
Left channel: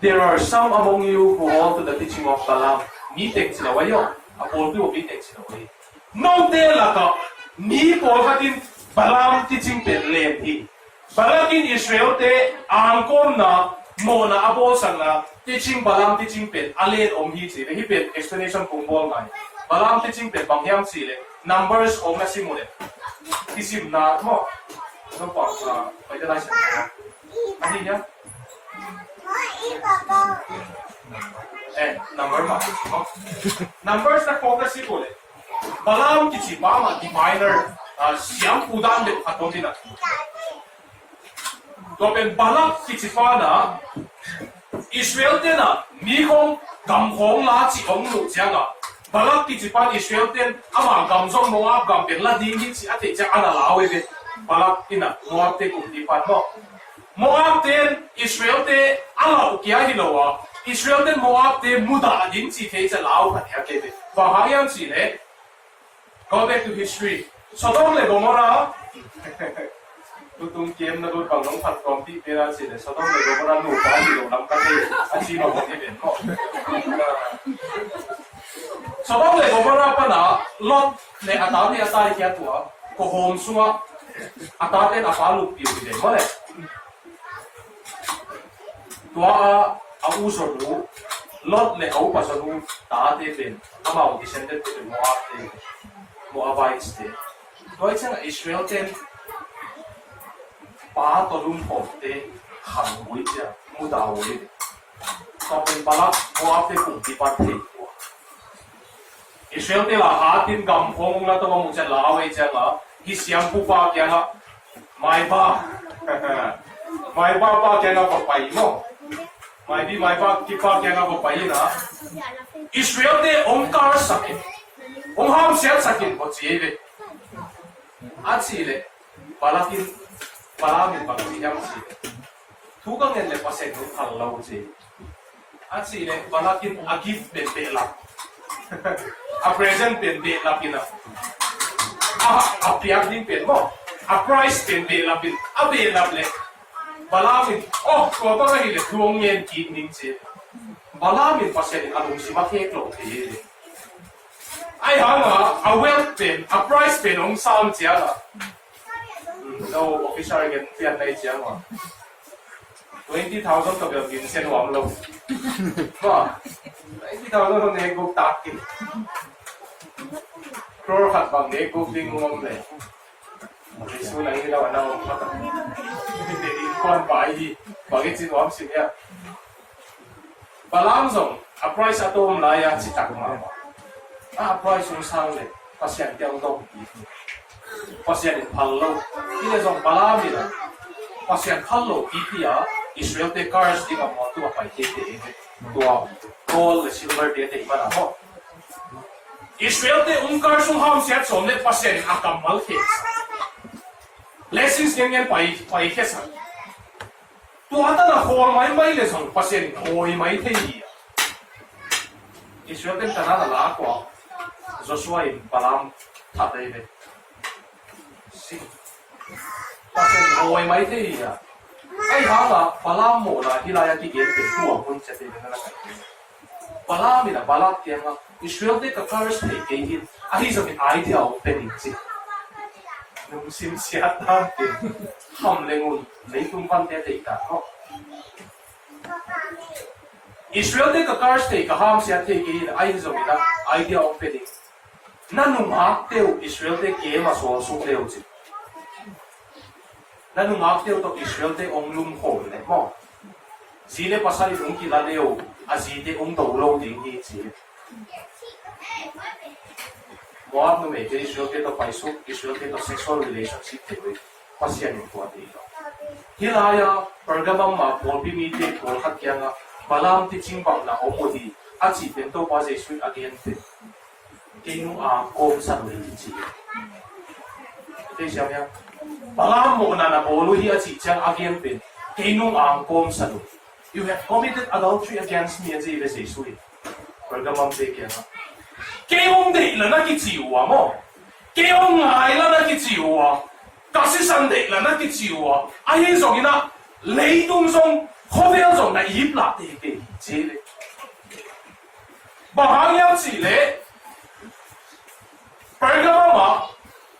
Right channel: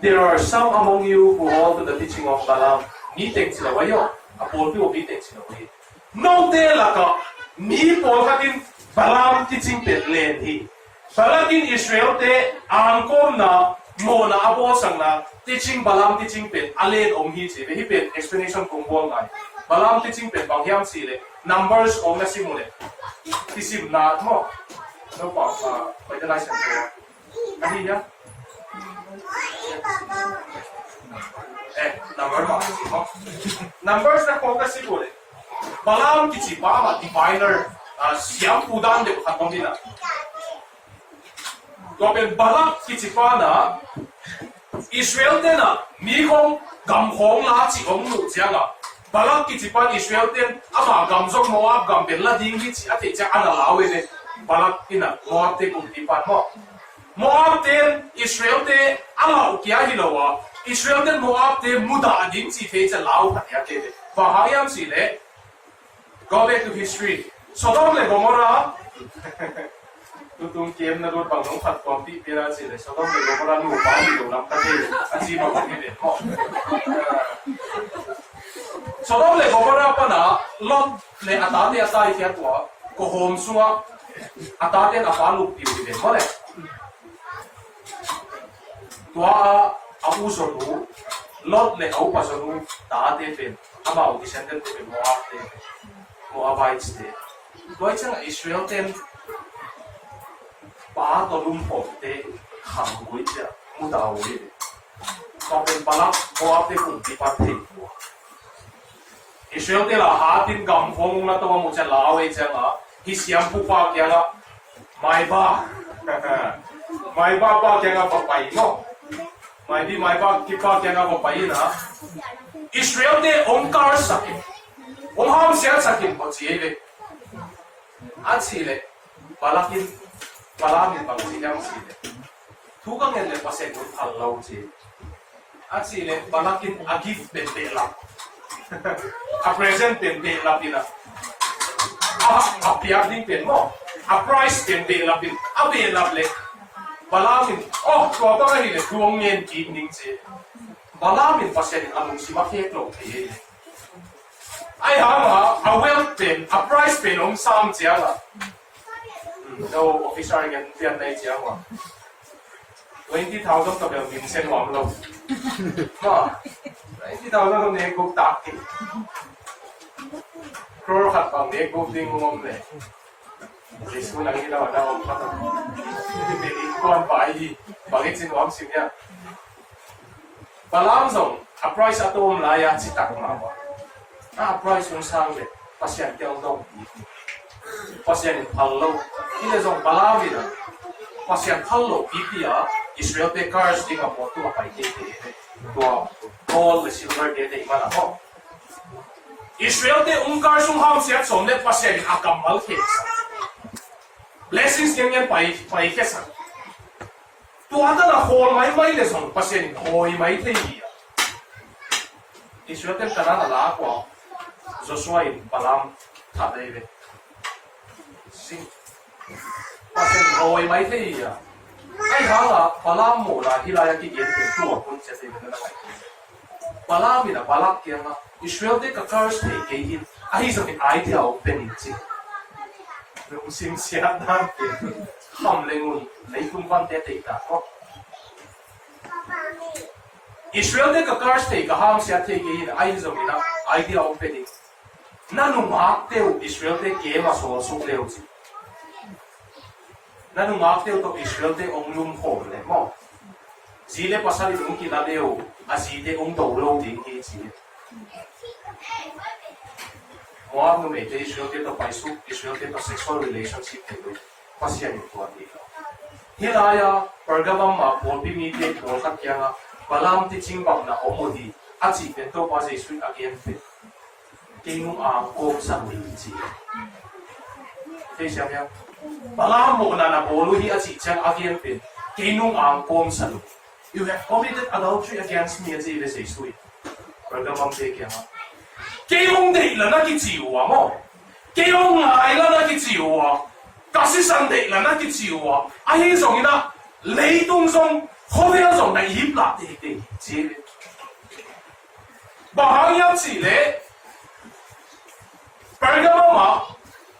There are some among you who hold to the teaching of Balaam. Meeting sila wayo. Apol tu meeting sila wayo. No de la ka ni pol hatin Balaam teaching pet len hi. Balakin Israel te angkom na mo na abo sang na teaching Balaam teaching pet alen hi si. Hi pet explanation kung bol mai. Balaam teaching pet bangyam sile. Numbers na simule. Isim na mo. So pa pwede na siya. Ano niya? Number ma. Numbers na focus si pole. Balaam kichi pa ma diviner siyam pudan de katong dina. Topen Balak kichi pa na Israel ten na mikong gamhong na chi ong lu jianga. Balak kichi pa Israel ten ama gamzong Moab gambel la dingi chi ate ja ana lawe de. Balak ina Moab te kumti pa mo. Moab ten Israel te ala ukia hilowa. Israel ten Moab te muda adin si fe cha lao khat ya ke de. Bahayam si le. Go back to history. Sodom le Gomorrah. Tutung kem na lut bang nong phat kom ti pera si le. Sodom le Gomorrah nu pa ni lo lam ka te achi no ke de mo. Sodom le Gomorrah pa na Lot le ata ni ata ri kya tua ko hom sunga ata ten apalu pi de mo le. Tua abu so nu Lot le au pa so nu ta te pen ama o descendant te Moab te Moabites te. Tua chang Israel ten 把ตัวลุ่มผมเตะหังวิจารมุดาวเลยก็เป็นปลักมัวเป็นกลุ่มที่ปัดถิ่นวัวอิสราเอลเตละหาตินกำพงนะตัวมุจลาไว้จังอ่ะฮิเสียมผู้ปากยังอ่ะไม่บ้าไม่บ้าปากยังอ่ะบอกไปเนาะไม่ดีไม่บ้าที่ปากยังอ่ะบอกไปนะอิสราเอลเตองค์การสักองค์ห้ามเสียสักบ่จีเลยอาชีเลยปลักินปลามีบางสิ่งอย่างสิเลยทุกคนเนี่ยภาษาอังกฤษอัลลอฮ์จีอาชีเลยปลากินอากิฟเป็นเตลับอาเพรสเซนเป็นเตลับอินะอาพิอาดิ้งเป็นโมอาไพรส์เป็นเตลับอินอาเตลับเลยปลามีโอ้ตัวก็เลยทวงเงินกินนิ่งจีปลามีภาษาอังกฤษอารมณ์สิมาเทคโลกเทเลยไอ้ห่ามาอาเวลเป็นอาไพรส์เป็นองค์สามเจ้าละเราออฟฟิศอะไรกันเปลี่ยนในเจ้าว่า20,000 ตัวเดียวกินเส้นหวานลงก็20,000 คนเนกุตักกินครัวขัดบางเนกุดิ้งงงเลยในส่วนนี้เราหน้าอมมาตั้งเด็กๆคนไปบางทีหวานสิ่งเนี้ยบาลานซ์ส่งอัพไรส์ตัวมันหลายอย่างจิตตักมาว่าอัพไรส์ส่งสร้างเลยภาษาเกี่ยวกับภาษาพัลโลที่เราส่งบาลานซ์นี่นะภาษาพัลโลอีที่อ่ะอิสราเอลเตคาร์สที่กับตัวไปเตะตัวโกลด์ซิลเวอร์เตะมาแล้วก็อิสราเอลเตองค์การส่งห้ามเสียส่งเนี่ยภาษาอักมัลเฮสเลสิสยังไปเฮสตัวอันนั้นโฮลไม่เลยส่งภาษาโฮยไม่เที่ยอิสราเอลเตกันนั่นละกว่าจะช่วยบาลามทัดได้เลยสิภาษาโฮยไม่เที่ยไอ้ห่าละบาลามโมละที่เราอยากที่เย็นเป็นตัวคนจะได้นั่นแหละบาลามีนะบาลาเกี่ยงอ่ะอิสราเอลเด็กก็คาร์สเทกินไอ้จะมีไอเดียเป็นจริงนุ่มสิมเสียดนั่นเองทำเลยงุนเลยคุณพันเตะติดกันก็อิสราเอลเด็กก็คาร์สเทก็ห้ามเสียเทกินไอ้จะมีนะไอเดียเป็นนั่นนุ่มฮักเตียวอิสราเอลเด็กเกมมาสู้สู้เร็วจริงนั่นนุ่มฮักเตียวตัวอิสราเอลเด็กองลุ่มโหดเลยมั้งจีเล่ภาษาที่นุ่มกินแล้วเร็วอาจีเด็กองโตโลดิ้งที่จีมัวนุ่มเอเจอิสราเอลเด็กตัวไปสู้อิสราเอลเด็กตัว sexual relationship เด็กเลยภาษาหนึ่งตัวนี้ก็ที่ไรอ่ะปรากฏว่ามาพอพิมีเด็กพอขัดยังอ่ะบาลามที่จริงบังนะโอโมดีอาจีเป็นตัวภาษาสุดอาเกียนเป็นเกี่ยงอ่างโกมสังเลยจีที่ใช่ไหมบาลามโมนานะโอลุฮีอาจีจังอาเกียนเป็นเกี่ยงอ่างโกมสังYou have committed adultery against me as if it's a sweet. Pergamam de kya na. Kayong de la na kitsiwa mo. Kayong ngai la na kitsiwa. Kasi sande la na kitsiwa. Ay song ina lei tung song hobi na song na yip la de de jile. Bahang yang jile. Pergamam ma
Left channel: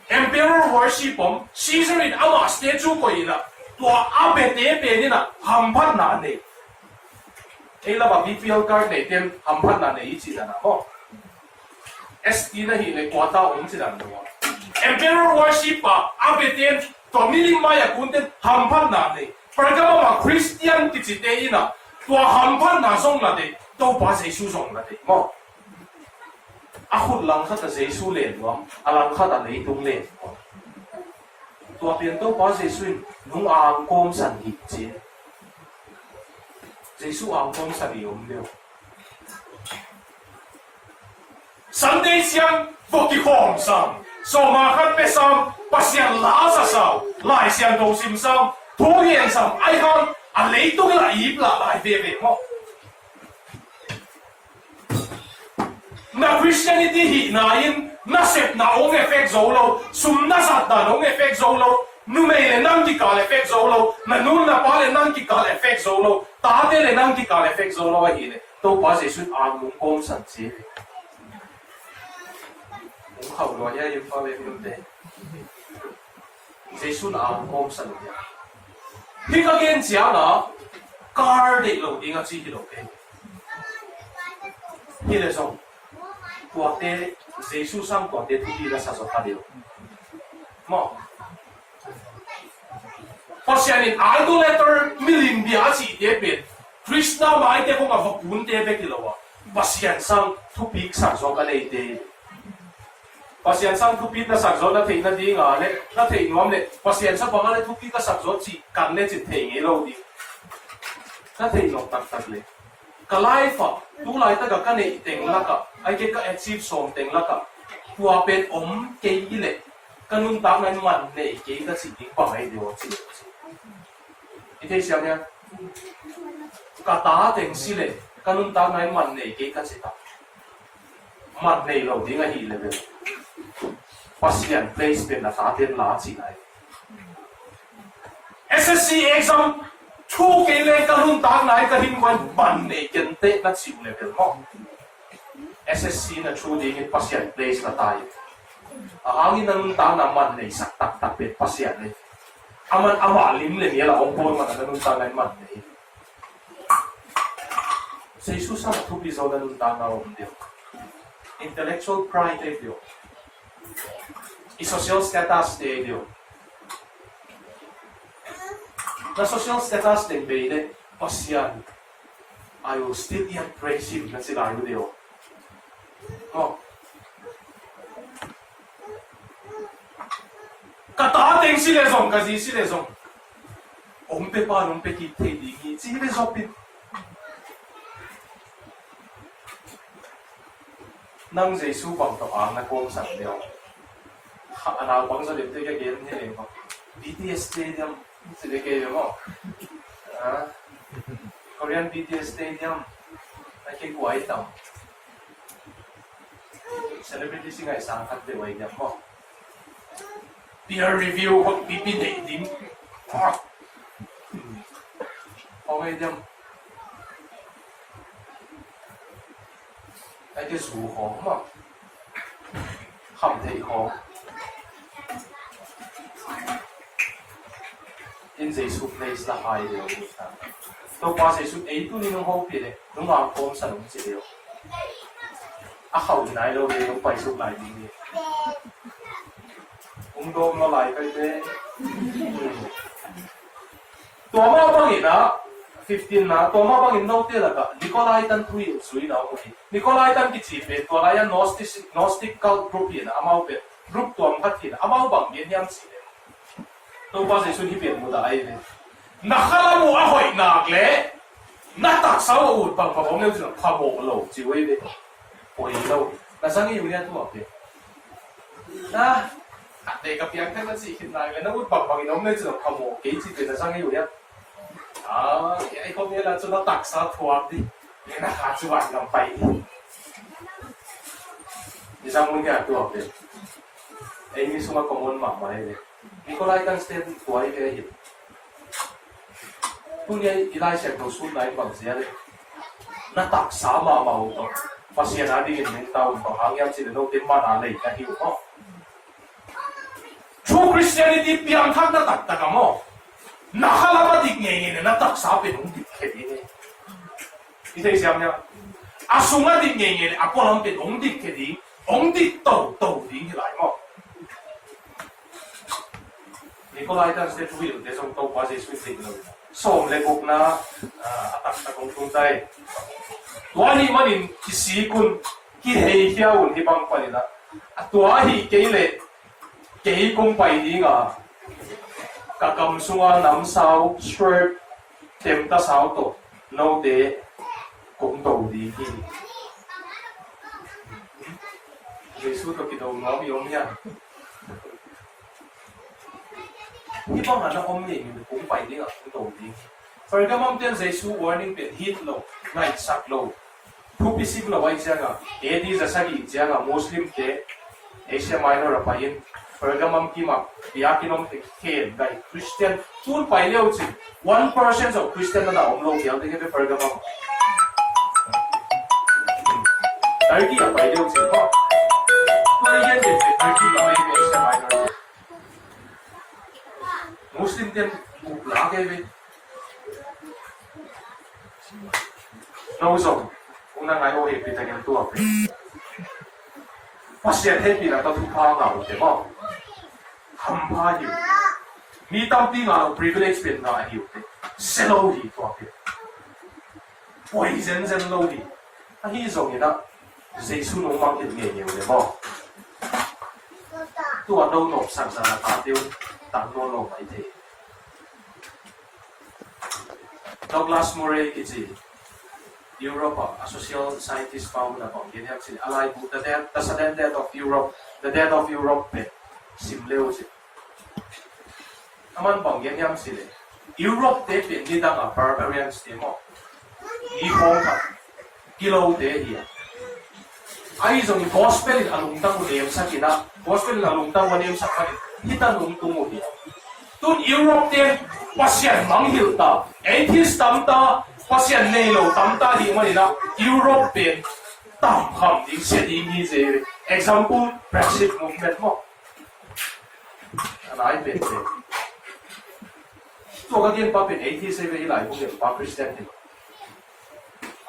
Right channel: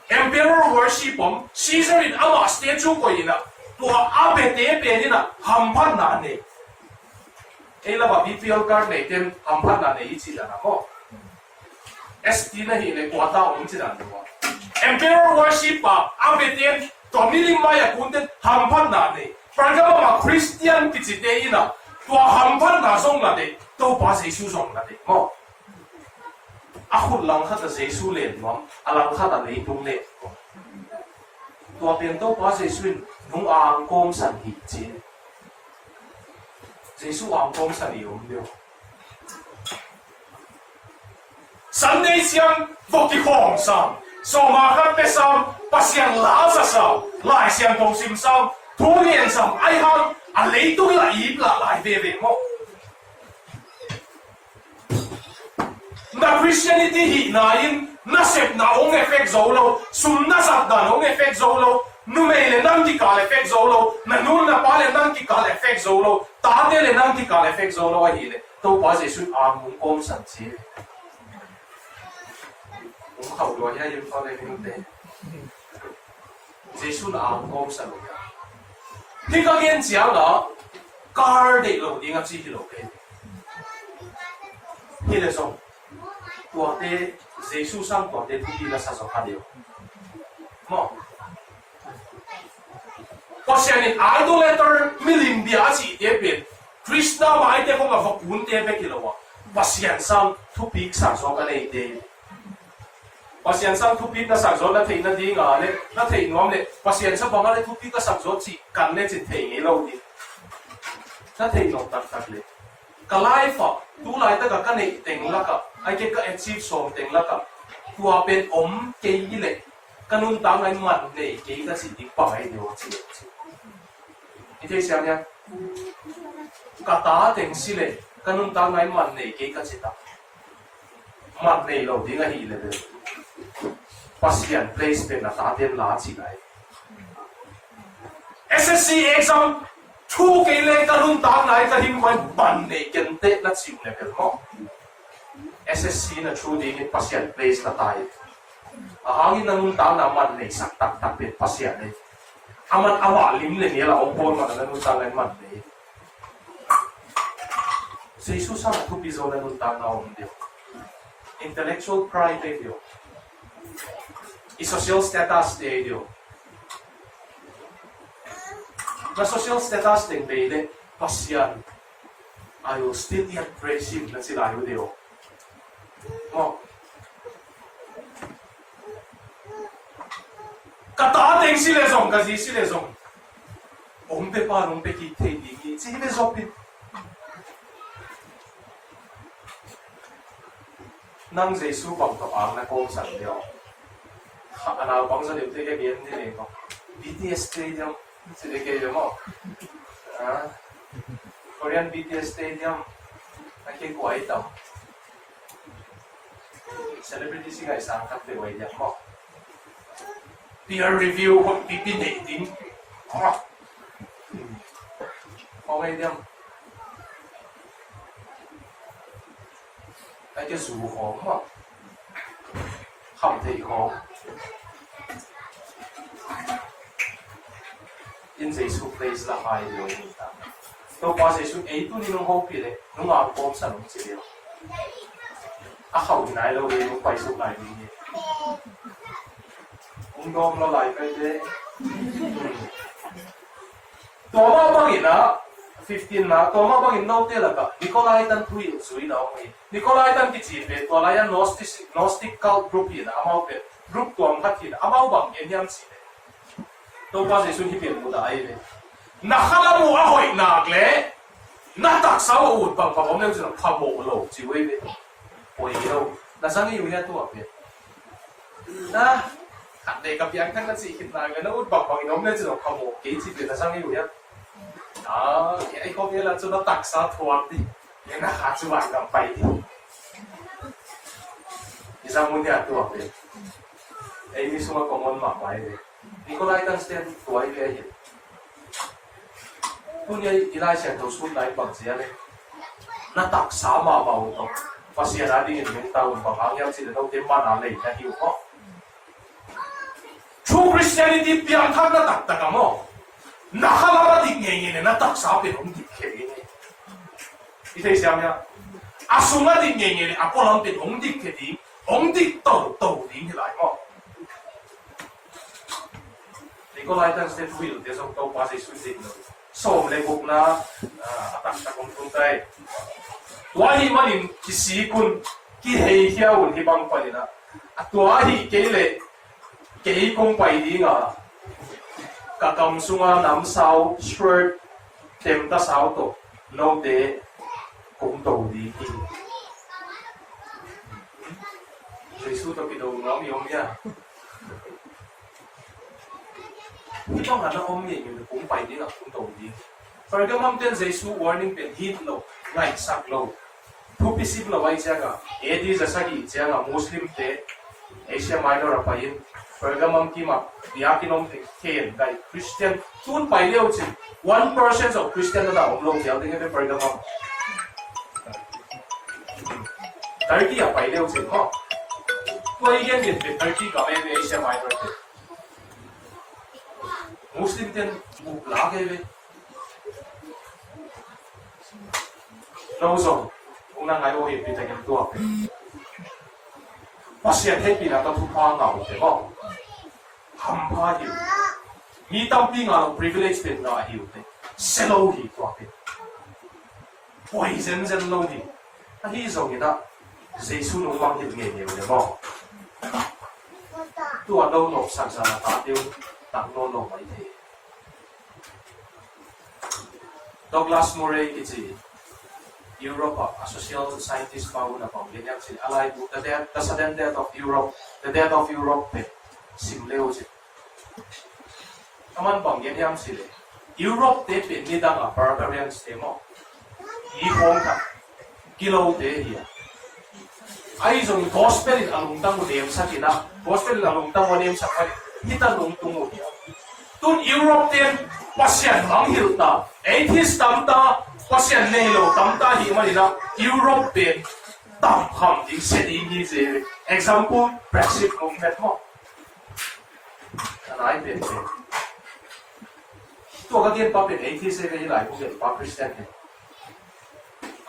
emperor worship Caesar in ama statue ko ina. Tua abe te pe ni na hampan na ne. ไอ้ระบบ BPL card เนี่ยเต็มทำพันนั่นเนี่ยอีกทีนะโอ้ SD นั่นเองเนี่ยกว่าต้าองค์จีนั่นด้วย Emperor worship อ่ะอาเบเตียนตัวมิลิมาอยากคุณเต็มทำพันนั่นเนี่ยเพราะงั้นว่าคริสเตียนที่จีเตียนน่ะตัวทำพันนั่นส่งนั่นเนี่ยตัวภาษาเยซูส่งนั่นเนี่ยโอ้อาคุณลังคัดเยซูเล่นวะอาลังคัดอะไรตรงเล่นตัวเป็นตัวภาษาเยซูนุ่งอ่างกงสันหิจี耶稣昂光神有没有？神的像福的皇上，索马克贝上不像拉萨上，来像同心上，拖延上爱看啊，你都来一啦来别别么？那 Christianity hi na in na sep na ong effect zolo, sum na sat na ong effect zolo. Numele nang ki kal effect zolo, na nun na pale nang ki kal effect zolo, tate le nang ki kal effect zolo wa hile, to pa se sun ang mong kom san chi. Mong khẩu lo ya yum pa le ni te. Se sun ang kom san ya. Hi ka gen jiang na guard de lo ding a chi ki lo ke. Hi le song. Tua te Jesus sang tua te tu bi la sa so ka dio. Mo pasian in idolater milin bia chi te pet Krishna mai te ko ma vakun te be kilowa pasian sang thupik sang so ka nei te pasian sang thupik na sang zo na thei na ding a le na thei nuam le pasian sa banga le thupik ka sang zo chi kan le chi thei nge lo di na thei nok tak tak le kalai fa tu lai ta ka nei teng la ka ai ke ka achieve som teng la ka tua pen om ke le kanun tang ngai man nei ke ka si ding pa ai de wo chi你睇想呀，個打定先嚟，跟住打喺問你幾個字打，問你路點解起嚟嘅？把時人 place 邊啊打點拿起來。SSC exam 初幾咧，跟住打喺個興奮問你見得那潮嚟嘅麼？SSC 呢初啲嘅把時人 place 那大，啊，呢能打那問你實特別把時人咧。aman awa lim le ni la opor ma na nun ta lai man nei se su sa tu bi zo na nun ta na om dio intellectual pride de dio i social status de dio na social status de be de pasian ayo still yan praise him na sila ayo dio no kata ting sila zong kasi sila zong ompe pa ompe kite dingi sila zopin nang Giêsu bằng to ang na kong sang dio ana bang sa dim te ka gen ni ko BTS stadium sila ke mo Korean BTS stadium ay ke kuai ta celebrity singa isang kat de wai dia mo peer review ko pipinating okay dem ay cái rủ hóng mà không thấy hóng in Giêsu place là ai điều gì ta tôi qua Giêsu ấy tôi nên không biết đấy nó ngào ôm sẵn chỉ điều không này đâu đi nó quay xuống lại đi ông đô nó lại cái đấy tôi mà bao nhiêu đó 15 na tôi mà bao nhiêu nốt thế là cả Nikolai tan thui suy nào vậy Nikolai tan cái gì vậy tôi là Gnostical group gì đó amau vậy group tuồng phát thì amau bằng miền Nam gì đấy tôi qua Giêsu đi biển một đại đấy nakalamu ahoy nagle natak sao út bằng bằng ông nếu như là phá bộ lẩu chỉ vậy đấy ôi đâu là sang cái gì vậy tôi bảo vậy na để gặp yang kan si khit na le na ut bak bang nom le chu kha mo ke chi pe na sang yu ya ai ko ye la chu na tak sa thuak di le na ha chu wan gam pai di ni sang mun ya tu học de ai ni suma ko mon ma mai de Nikolai tan sten tuai ve hi kun ye ilai se to sun dai bang sia le na tak sa ma mau to pasia na di ni ta un ba hang yang chi de no tem ma na le na hi ko True Christianity piang thang na tak tak mo. Nakalapa dik ngenge na tak sa pe dong dik khedi ni. Ite siam ya. Asunga dik ngenge ako lam pe dong dik khedi, ong dik to ding hi lai mo. Nikolai tan ste tuil de song to pa se sui dik no. Som le buk na atak ta kong thun tai. Tua hi manin ki si kun ki hei hiaun hi bang palina. Tua hi ke le kỹ công bày đi ngà cả cầm sung nắm sao shirt tem ta sao tổ nô đế cũng tổ đi đi Giêsu tôi cái đầu nó bị ốm nha cái băng hắn nó ốm nhỉ mình cũng bày đi ngà cũng tổ đi phải cái mâm tên Giêsu warning biển hit lâu ngày sạc lâu thu pisip lâu ai chăng à edi ra saki chăng à Muslim te Asia Minor apa in Pergamum kima biakinom ken dai Christian tun pai leo chi 1% of Christian na om lo kiao de ke Pergamum dai ki a pai leo chi ko toi yen de Turkey la me Asia Minor Muslim ten bu la ke ve no so una ngai o he pi ta ken tu a pe pasien he pi na ta thu pa ngau te mo ham pa yu mi tampi nga privilege pin nga hiu te selo hi to pe poi zen lo hi a hi zong ina jesu no mang hit nge nge le mo tu a do no sang sang la ta tiu tam no no mai the Douglas Murray kiji Europe a social scientist pa una pang yan yang sila alay bu the sudden death of Europe pe simleo si aman bang yan yang sila Europe te pe ni dang a barbarians te mo i hong ka kilo te hiya ai zong gospel in alungtang mo dem sa kina gospel in alungtang mo dem sa kani kita lungtung mo hiya tun Europe te pasyan manghil ta atheist tamta pasyan nei lo tamta hi mani na Europe pe tam kham ding se ding ni je example Brexit movement mo anai pe pe to ga den pa pe atheist ve lai ko pa Christian ni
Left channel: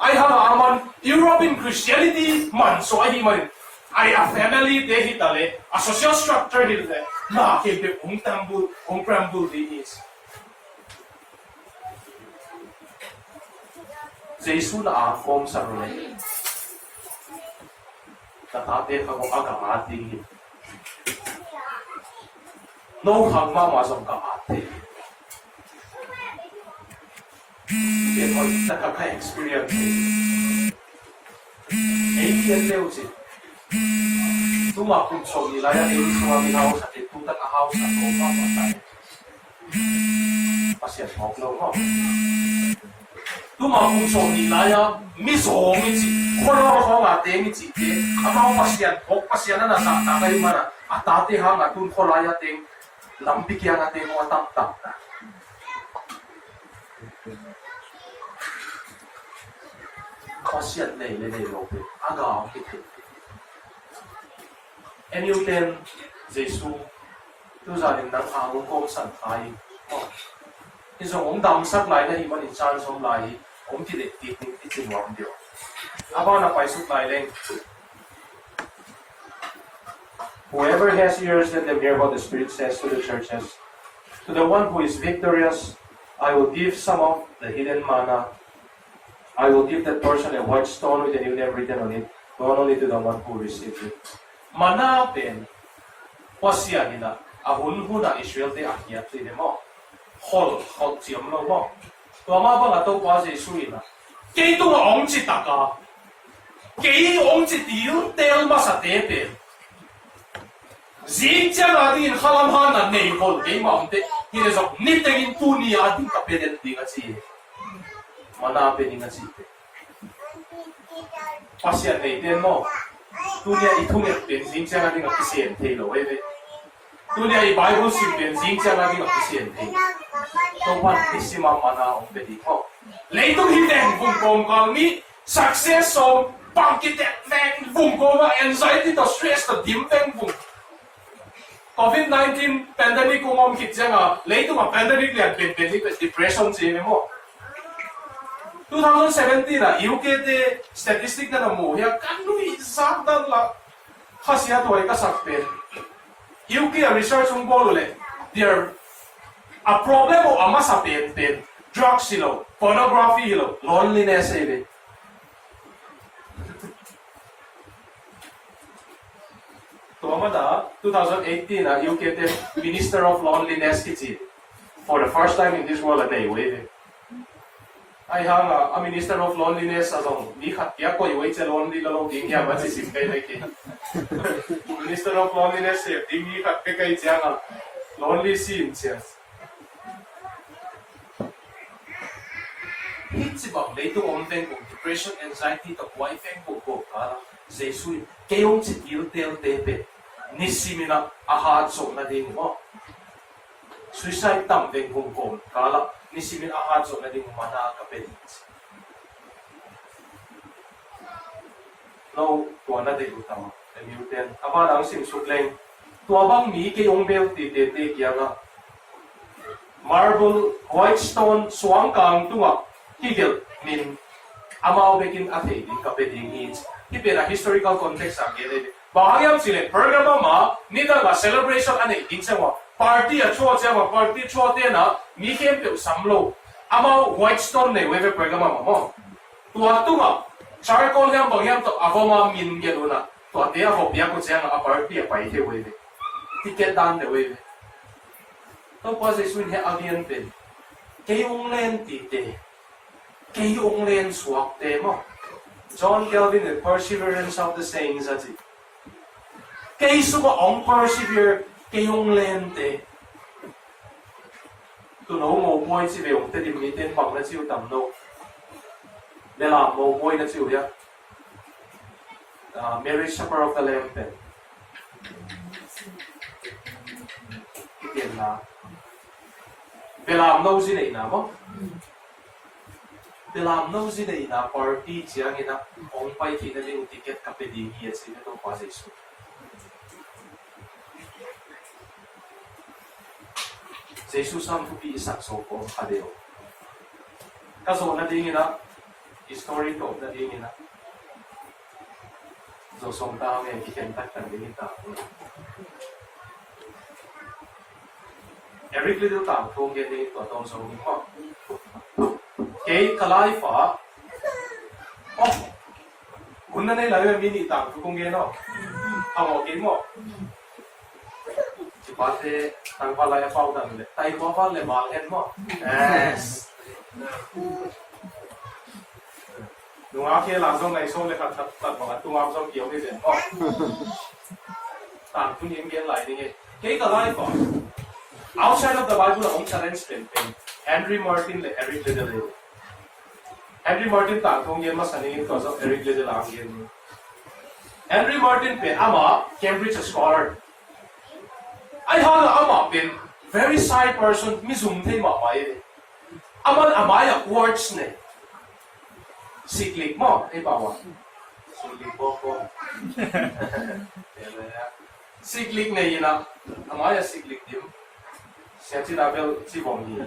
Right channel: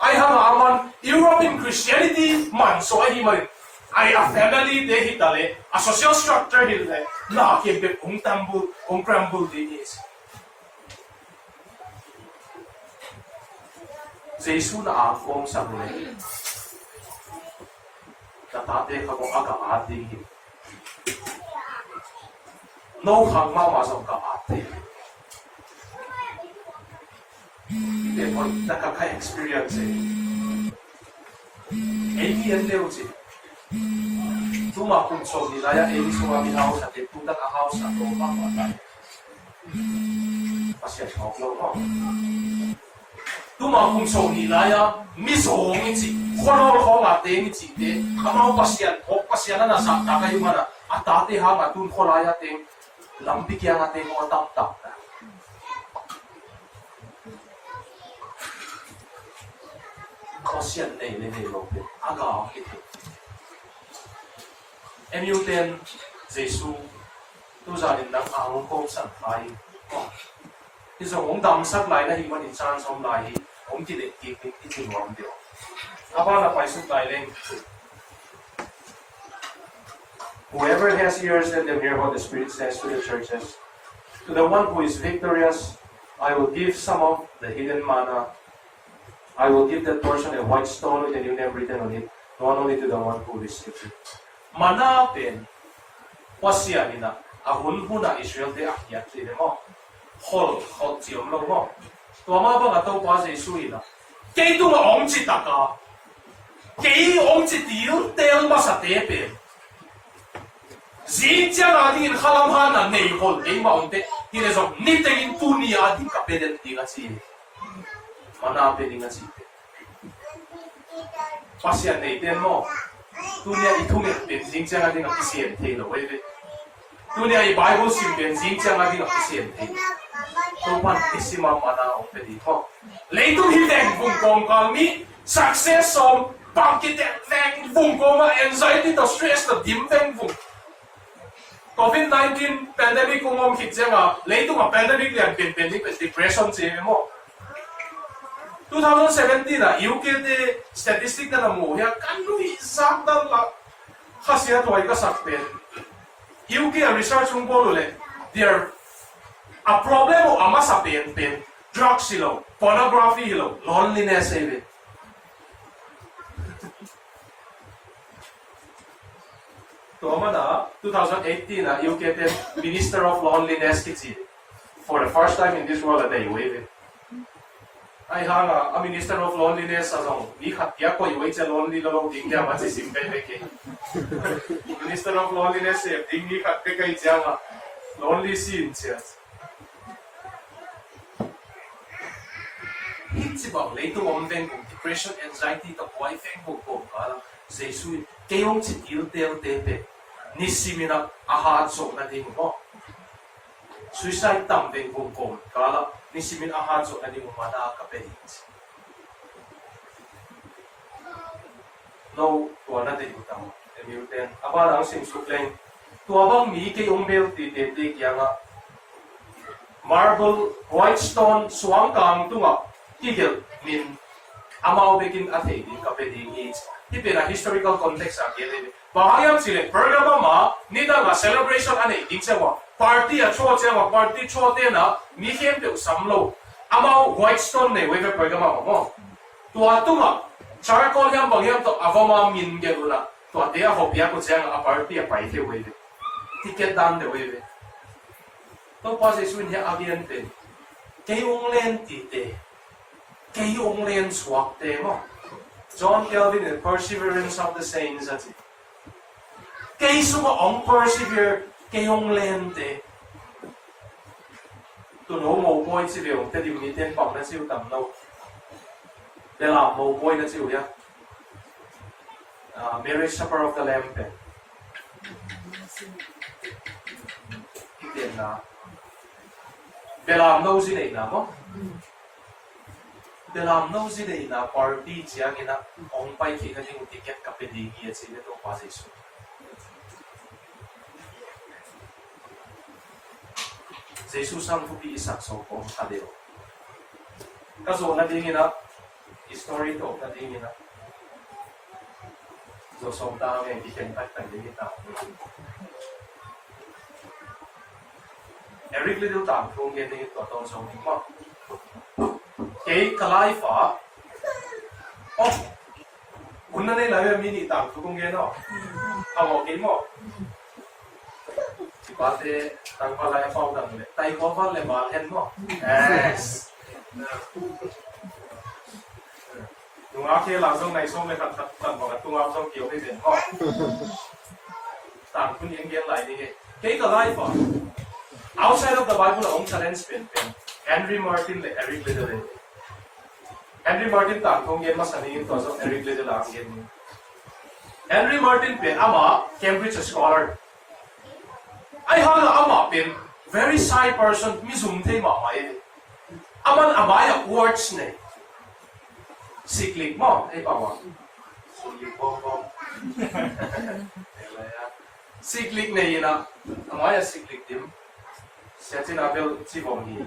I have a man European Christianity man so hi man I a family de hi tale a social structure hi le na ke pe ong crumble di is Jesu na akom sa role tatate ka ko aga ating hi no hang ma ma som ka ate Bien, hoy nakaka experience alien leo si tuma kung so nila ya ay suwami house at tutak a house at ko pa pasya talk no mo tuma kung so nila ya miso ngi kono ko nga te ngi te ama pasyan na sa ta kayo mana atate ha nga tun ko laya te lampik ya nga te mo tap pasyan nei le nei lo pe aga ite Emuten Jesu tu za din nang ang ko san khai iso ong dam sak lai na hi man in chan som lai ong ki de ti ti wam dio aba na pai suk lai leng whoever has ears let them hear what the Spirit says to the churches to the one who is victorious I will give some of the hidden manna I will give that person a white stone with a new name written on it, not only to the one who received it. Manapin, pasya nila, ahun huna Israel de akyat din mo. Hol tiyam lo mo. Tuama ba nga to pa Jesu ina? Kay tu nga ong chitaka. Kay ong chitil tel ba sa tepe. Zintya nga din kalamhan na neikol kay maunte. Hinezok nitengin tunia din kapedet din at siya. Manapin nga site. Pasyan ay din mo. Tunia itungit benzing siya nga din ang kisyente lo. Tunia ay Bible sim benzing siya nga din ang kisyente. So pantisima mana ang pedi ko. Leitong hiteng vungkong kalmi success som pangkitek neng vungkong anxiety to stress to dimteng vung. COVID-19 pandemic kung om kitsa nga leitong ang pandemic liyan depression siya mo. 2017 na UK de statistic na namuya kanu isang dan la khasiya to ay kasakpen UK research ng bolole there a problem o ama sa pen drugs hilo pornography hilo loneliness ebe to amada 2018 na UK de Minister of Loneliness kiti for the first time in this world day wave I have a Minister of Loneliness azong ni khatya ko iway cha lonely lo ding ya ba si simpe leke Minister of Loneliness se ding ni khat pe kai changa lonely scene sia hitsi bang leito omdeng kong depression anxiety to kwai feng ko kala jesu kayong chitil tel tepe nisimina ahad so na ding mo suicide tam deng kong kala nisimin ahad so na di mo mana kapelit. No, tuwa na din utang. Emuten, abala ang simsukleng. Tuwa bang mi kay umbel titete kaya nga. Marble, white stone, suwang kang tunga. Higil, min, amaw bekin ate, din kapeling hits. Hipira historical context ang gilid. Bahayam sila, Pergamum ma, nita nga celebration ane, din siya mo. party a chua che wa party chua te na mi khem te sam lo amao Whitestone ne we ve program mo tua tunga charcoal hiam bang hiam to avoma min ge luna tua te a hopia ko chang a party a pai te we ve ticket dan de we ve to pa se swin he avian pe ke ong len ti te ke ong len swak te mo John Calvin the perseverance of the saints ati ke su ko ong persevere ke ong len te tu no mo boy si ve ong te dim ni ten pang na siu tam no de la mo boy na siu ya Mary Supper of the Lamb pe tiền là về làm đâu gì đấy nào không về làm đâu gì đấy là party chỉ anh na ông bay khi nó đi ticket cặp đi kia chỉ nó đâu quá dễ số dễ số sang thu bị sạc số của họ đều cái số nó đi na history đó nó đi na rồi xong ta về cái hiện tại tại đi ta Eric Liddell tạm không nghe đi tòa tôn sâu đi mà cái kalai pháคุณนั่นเลยมีนี่ตามทุกคนเงี้ยเนาะเอาออกกินหมดที่บ้านเธอตั้งพลายฟ้าดังเลยไต่ก้อนเลยมาเห็นหมดลุงอาเคหลังส่งในส่งเลยครับตัดบอกตุงอาส่งเกี่ยวไม่เป็นหมดตามคุณยังเงี้ยไหลนี่cái kalai phá outside of the Bible ông challenge pen Henry Martin le Eric Liddell Henry Martin tạm không yên mà sani to so Eric Liddell ang yên Henry Martin pen ama Cambridge scholar ai hala ama pen very shy person mi zoom the ma mai aman amaya words ne cyclic mo ei bawa cyclic bo cyclic ne ina amaya cyclic dim sẽ chỉ là biểu chỉ vòng gì,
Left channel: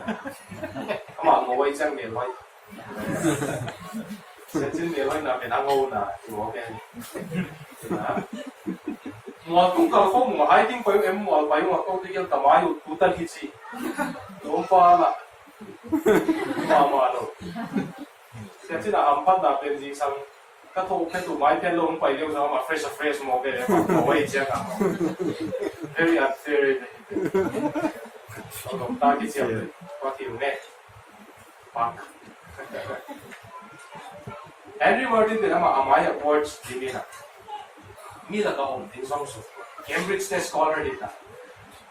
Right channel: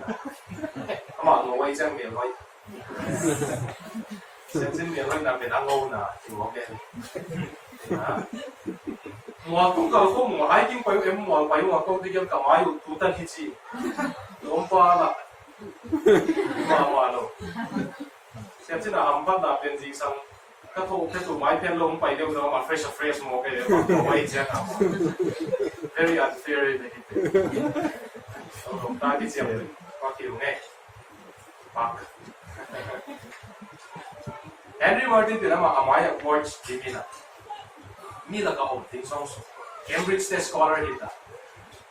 mà ngồi chân miền lối, sẽ chỉ miền lối là miền Anh Âu nè, thì ok, mà cũng có không mà hai tiếng quay em mà quay mà câu tiếng cầm ai tụ tân hít gì, lốm pha là, mà đâu, sẽ chỉ là âm phát là bên gì sang, các thô cái tụ máy pen lông quay liêu nó mà fresh mà ok, mà ngồi chân à, very unfair ta cái chiều có kiểu nghe bạc Henry Martin thì nó mà amaya awards thì mi là cái hồng tiếng song số Cambridge State Scholar đi ta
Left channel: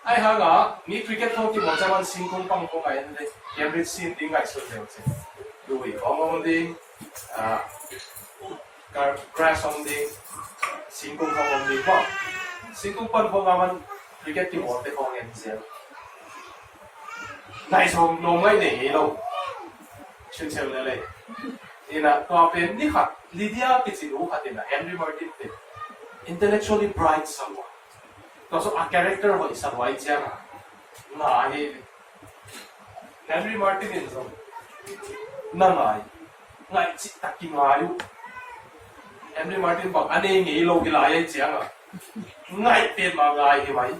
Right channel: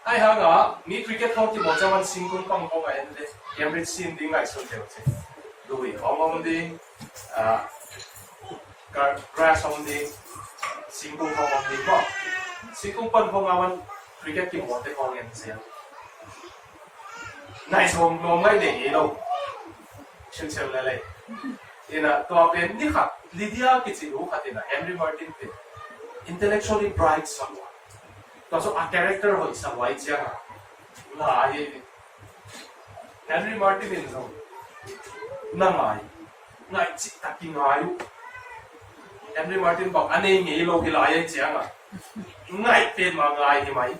ai ha ngã mi cricket không thì một trăm万星空棒棒ấy đấy Cambridge xin tiếng ngày xuân đều chứ đuổi ông đi grass ông đi星空棒ông đi không星空棒棒ông cricket thì một cái con em xem này xong nó mới để ý đâu xin chào lại lại thì là tòa bên đi học Lydia cái gì đó thì là Henry Martin thì intellectually bright someone đó số character của isang white chăng là Henry Martin thì sao năng ngài chỉ tắc kinh ngài Henry Martin bảo anh ấy nghĩ lâu cái lại chăng ngài tiền mà ngài thì mấy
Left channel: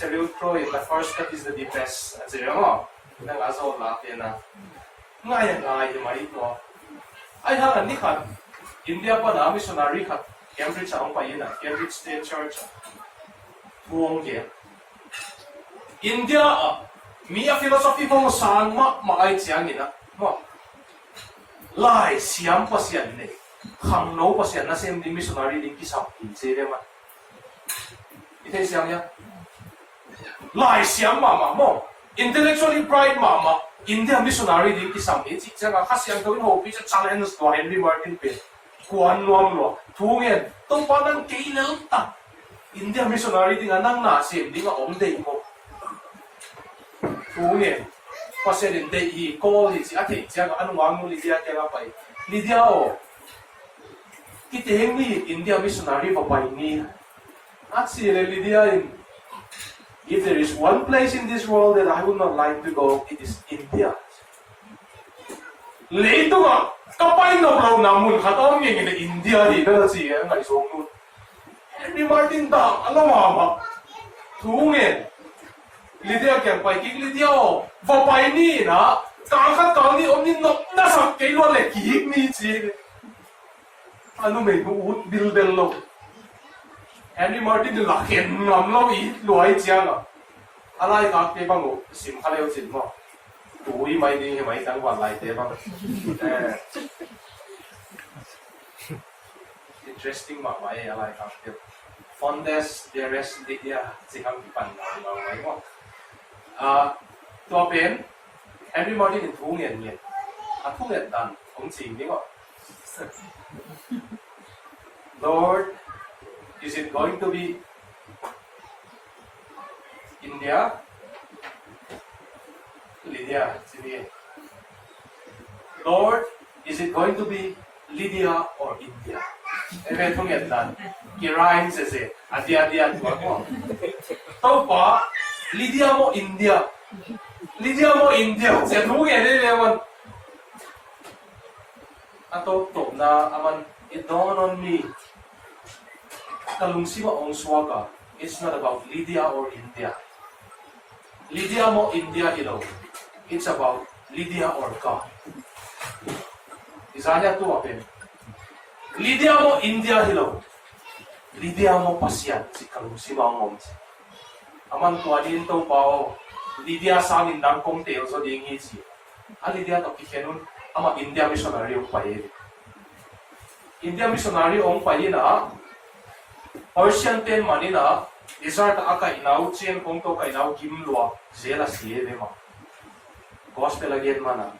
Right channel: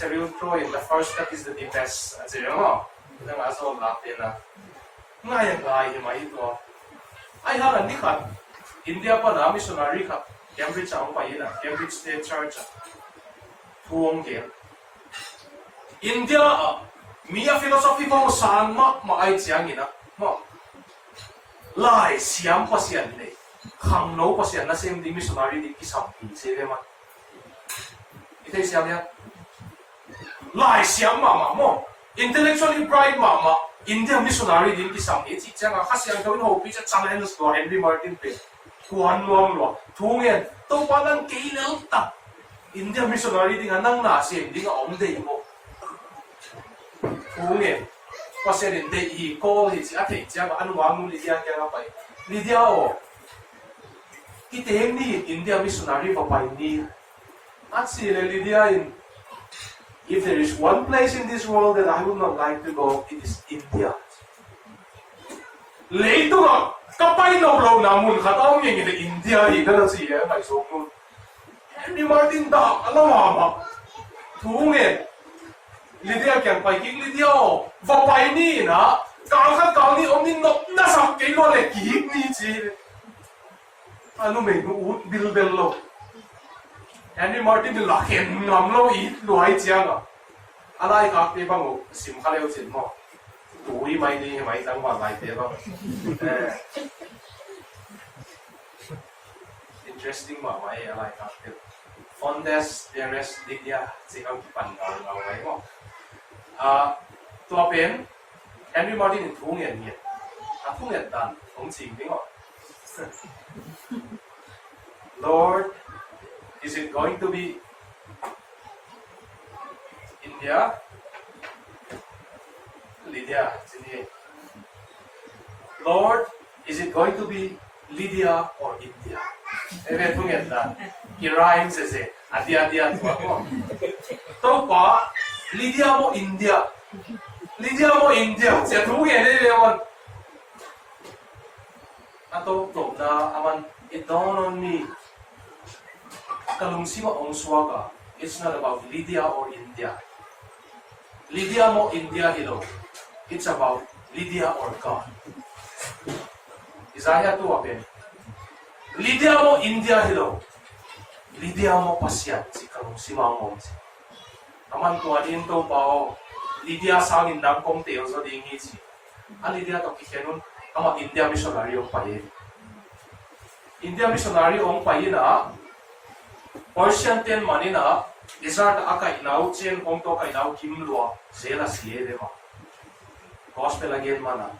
Cyril Troy, the first step is the deepest. At sige mo, ilang aso latin na. Ngayon may ito. Ay halan ni kat, India pa na missionary kat, Cambridge ang payin na, Cambridge State Church. Tuwang kaya. India Mia philosophy mo saan maay siyang ina. Mo. Lai siyam pa siyan ni. Khangno pa siyan na siyang di missionary di kisam. Sige ma. Ito siyam niya. Lai siyang mama mo, intellectually bright mama, India missionary din kisam iti jaga kasiyang gawin ho pizza challenge to Henry Martin pe, kuan luang lo, tungin, to panang kailal ta, India missionary din anang nasim, di nga omday mo, tungin, kasi din de I call iti ate jaga anong wang mo Lydia kaya pa, Lydia o, kita ni India missionary papay ni, at sila Lydia in. If there is one place in this world that I would not like to go, it is India. Leito nga, kapay na blow namun katong yung India dito na siya, ngay song Henry Martin da, alam mo ba? Tungin. Lydia kyang pai king Lydia o va pai ni na kang ni om ni nok na sam ke lo le ki ni chi anu me nu ut bil bel lo Henry Martin de la hen ngam lo I lo ai chiang a alai ka te bang o sim kha leo chin mo tu I mai ni mai tang wan lai te bang interesting ma mai alai ka te Fondes dearest Lydia sikang kipan ngau mai mo tua pen Henry Martin in thung yen yen a thung yen dan ong ching ding o Lord, is it going to be India? Lydia, sini. Lord, is it going to be Lydia or India? Ebe thung yen dan. Kirain se adia tua mo. Tau pa Lydia mo India. Lydia mo India. Se thung yen ni lewan. Atau top na aman it dawned on me. Kalungsiwa ong swaga. It's not about Lydia or India. Lydia mo India hello. It's about Lydia or God. Isaiah 2 apin. Lydia mo India hello. Lydia mo pasyan si kalungsiwa ong si. Aman tuadin to bao. Lydia sangin dang kong teo so dingi si. Ang Lydia to kikenun ama India missionary ong paye. India missionary ong paye na Persian ten manina desert aka inau chen kong to ka inau kimlua zela siye de ma. Gospel again mana.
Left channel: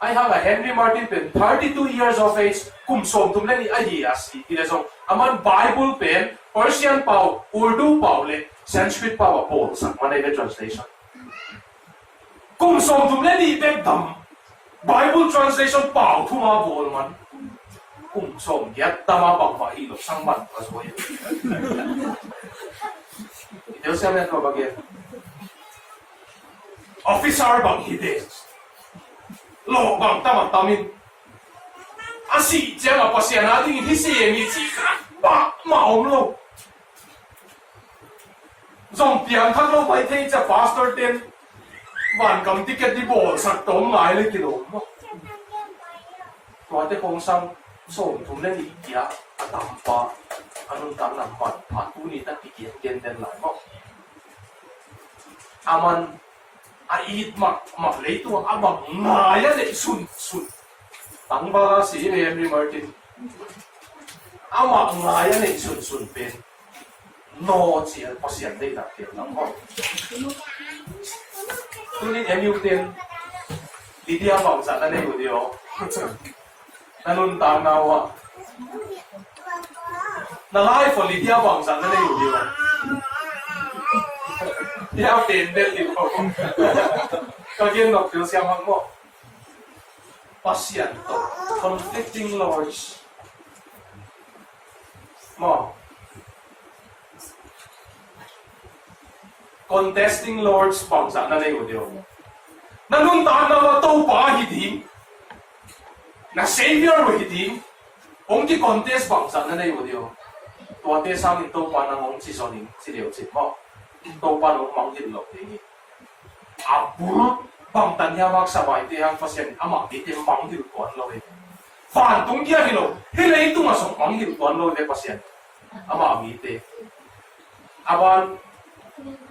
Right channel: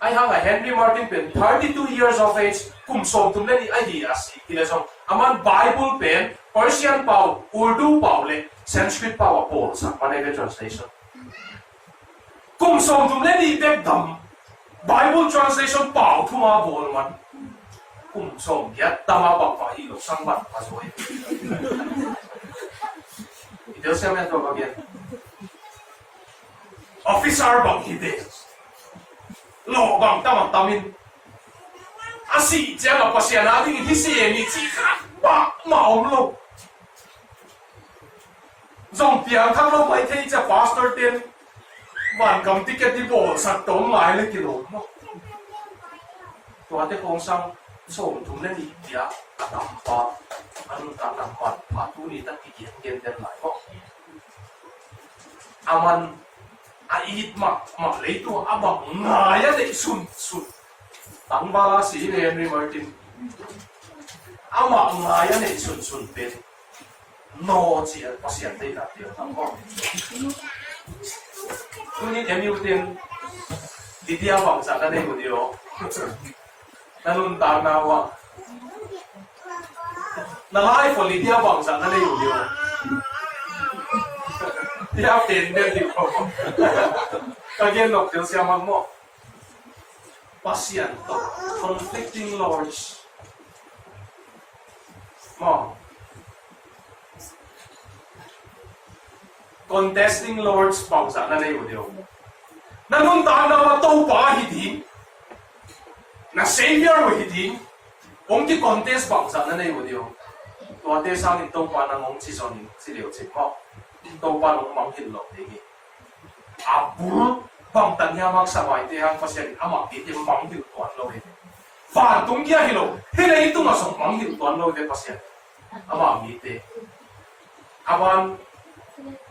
I have a Henry Martin pen 32 years of age kum som tum le ni ai asi ila song aman Bible pen Persian pau Urdu pau le Sanskrit pau pol sa manai the translation. Kum som tum le ni be dam Bible translation pau thuma bol man. Kum som yat tama pang pa hilo sang ban pasoy. Ito siya men to bagyan. Officer bang hide. Lo bang tama tamin. Asi jama pasya natin hisi ni chika ba maom lo. Zong piang thang lo pai thei cha pastor ten ban kam ticket di bol sak tom lai le kilo mo. To ate kong sang so tum le ni kia atam pa anun ta nam pa patu ni ta kikian gen den lai mo aman ait mak le tu abang ngaya de sun tang ba si Henry Martin ama ngaya ne sun pen no chi al pasian de na tiu na mo tu ni emu ten Lydia bang sa na ne udio nanun ta na wa na life for Lydia bang sa na ne udio dia ten del di ko kagien nok tiu siya mag mo pasyan to conflicting lords mo contesting lords bang sa na ne udio nanun ta na wa to pa hidim na savior mo hidim ong ki contest bang sa na ne udio to ate sang in to pa na ngong chi sonin si liu chi mo to pa no mang hit lo de abul bang tan ya mak sa mai te hang pasien ama ti te mang hit kon lo ve fan tung kia hilo hele itu masong mang hit kon lo ve pasien ama mi te aban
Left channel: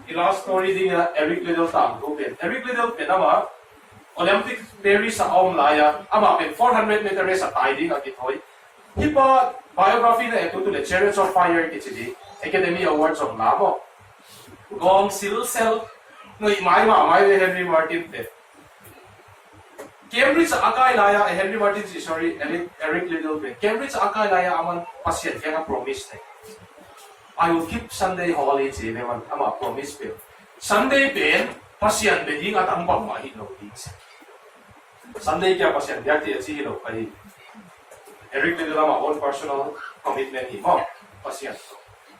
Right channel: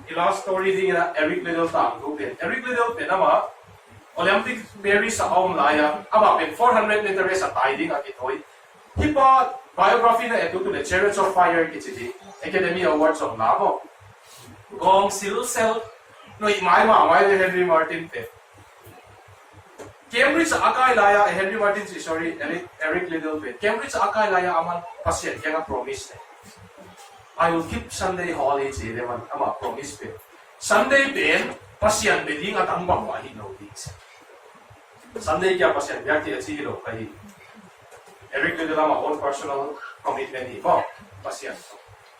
ila story di Eric Liddell tang go pen Eric Liddell pen ama Olympic Paris sa Aum Laya ama pen 400 meter race at tiding at itoy hipa biography na ito to the Chariots of Fire kichidi Academy Awards on lamo gong silsel no imai de Henry Martin pe Cambridge akai laya Henry Martin sorry Eric Liddell pe Cambridge akai laya aman pasien kaya promise ne I will keep Sunday holy ji ne man ama promise pe Sunday pe pasien be ding at ang bang mahi no di Sunday kya pasien byakti achi hilo pai Eric Liddell ama own personal commitment hi mo pasien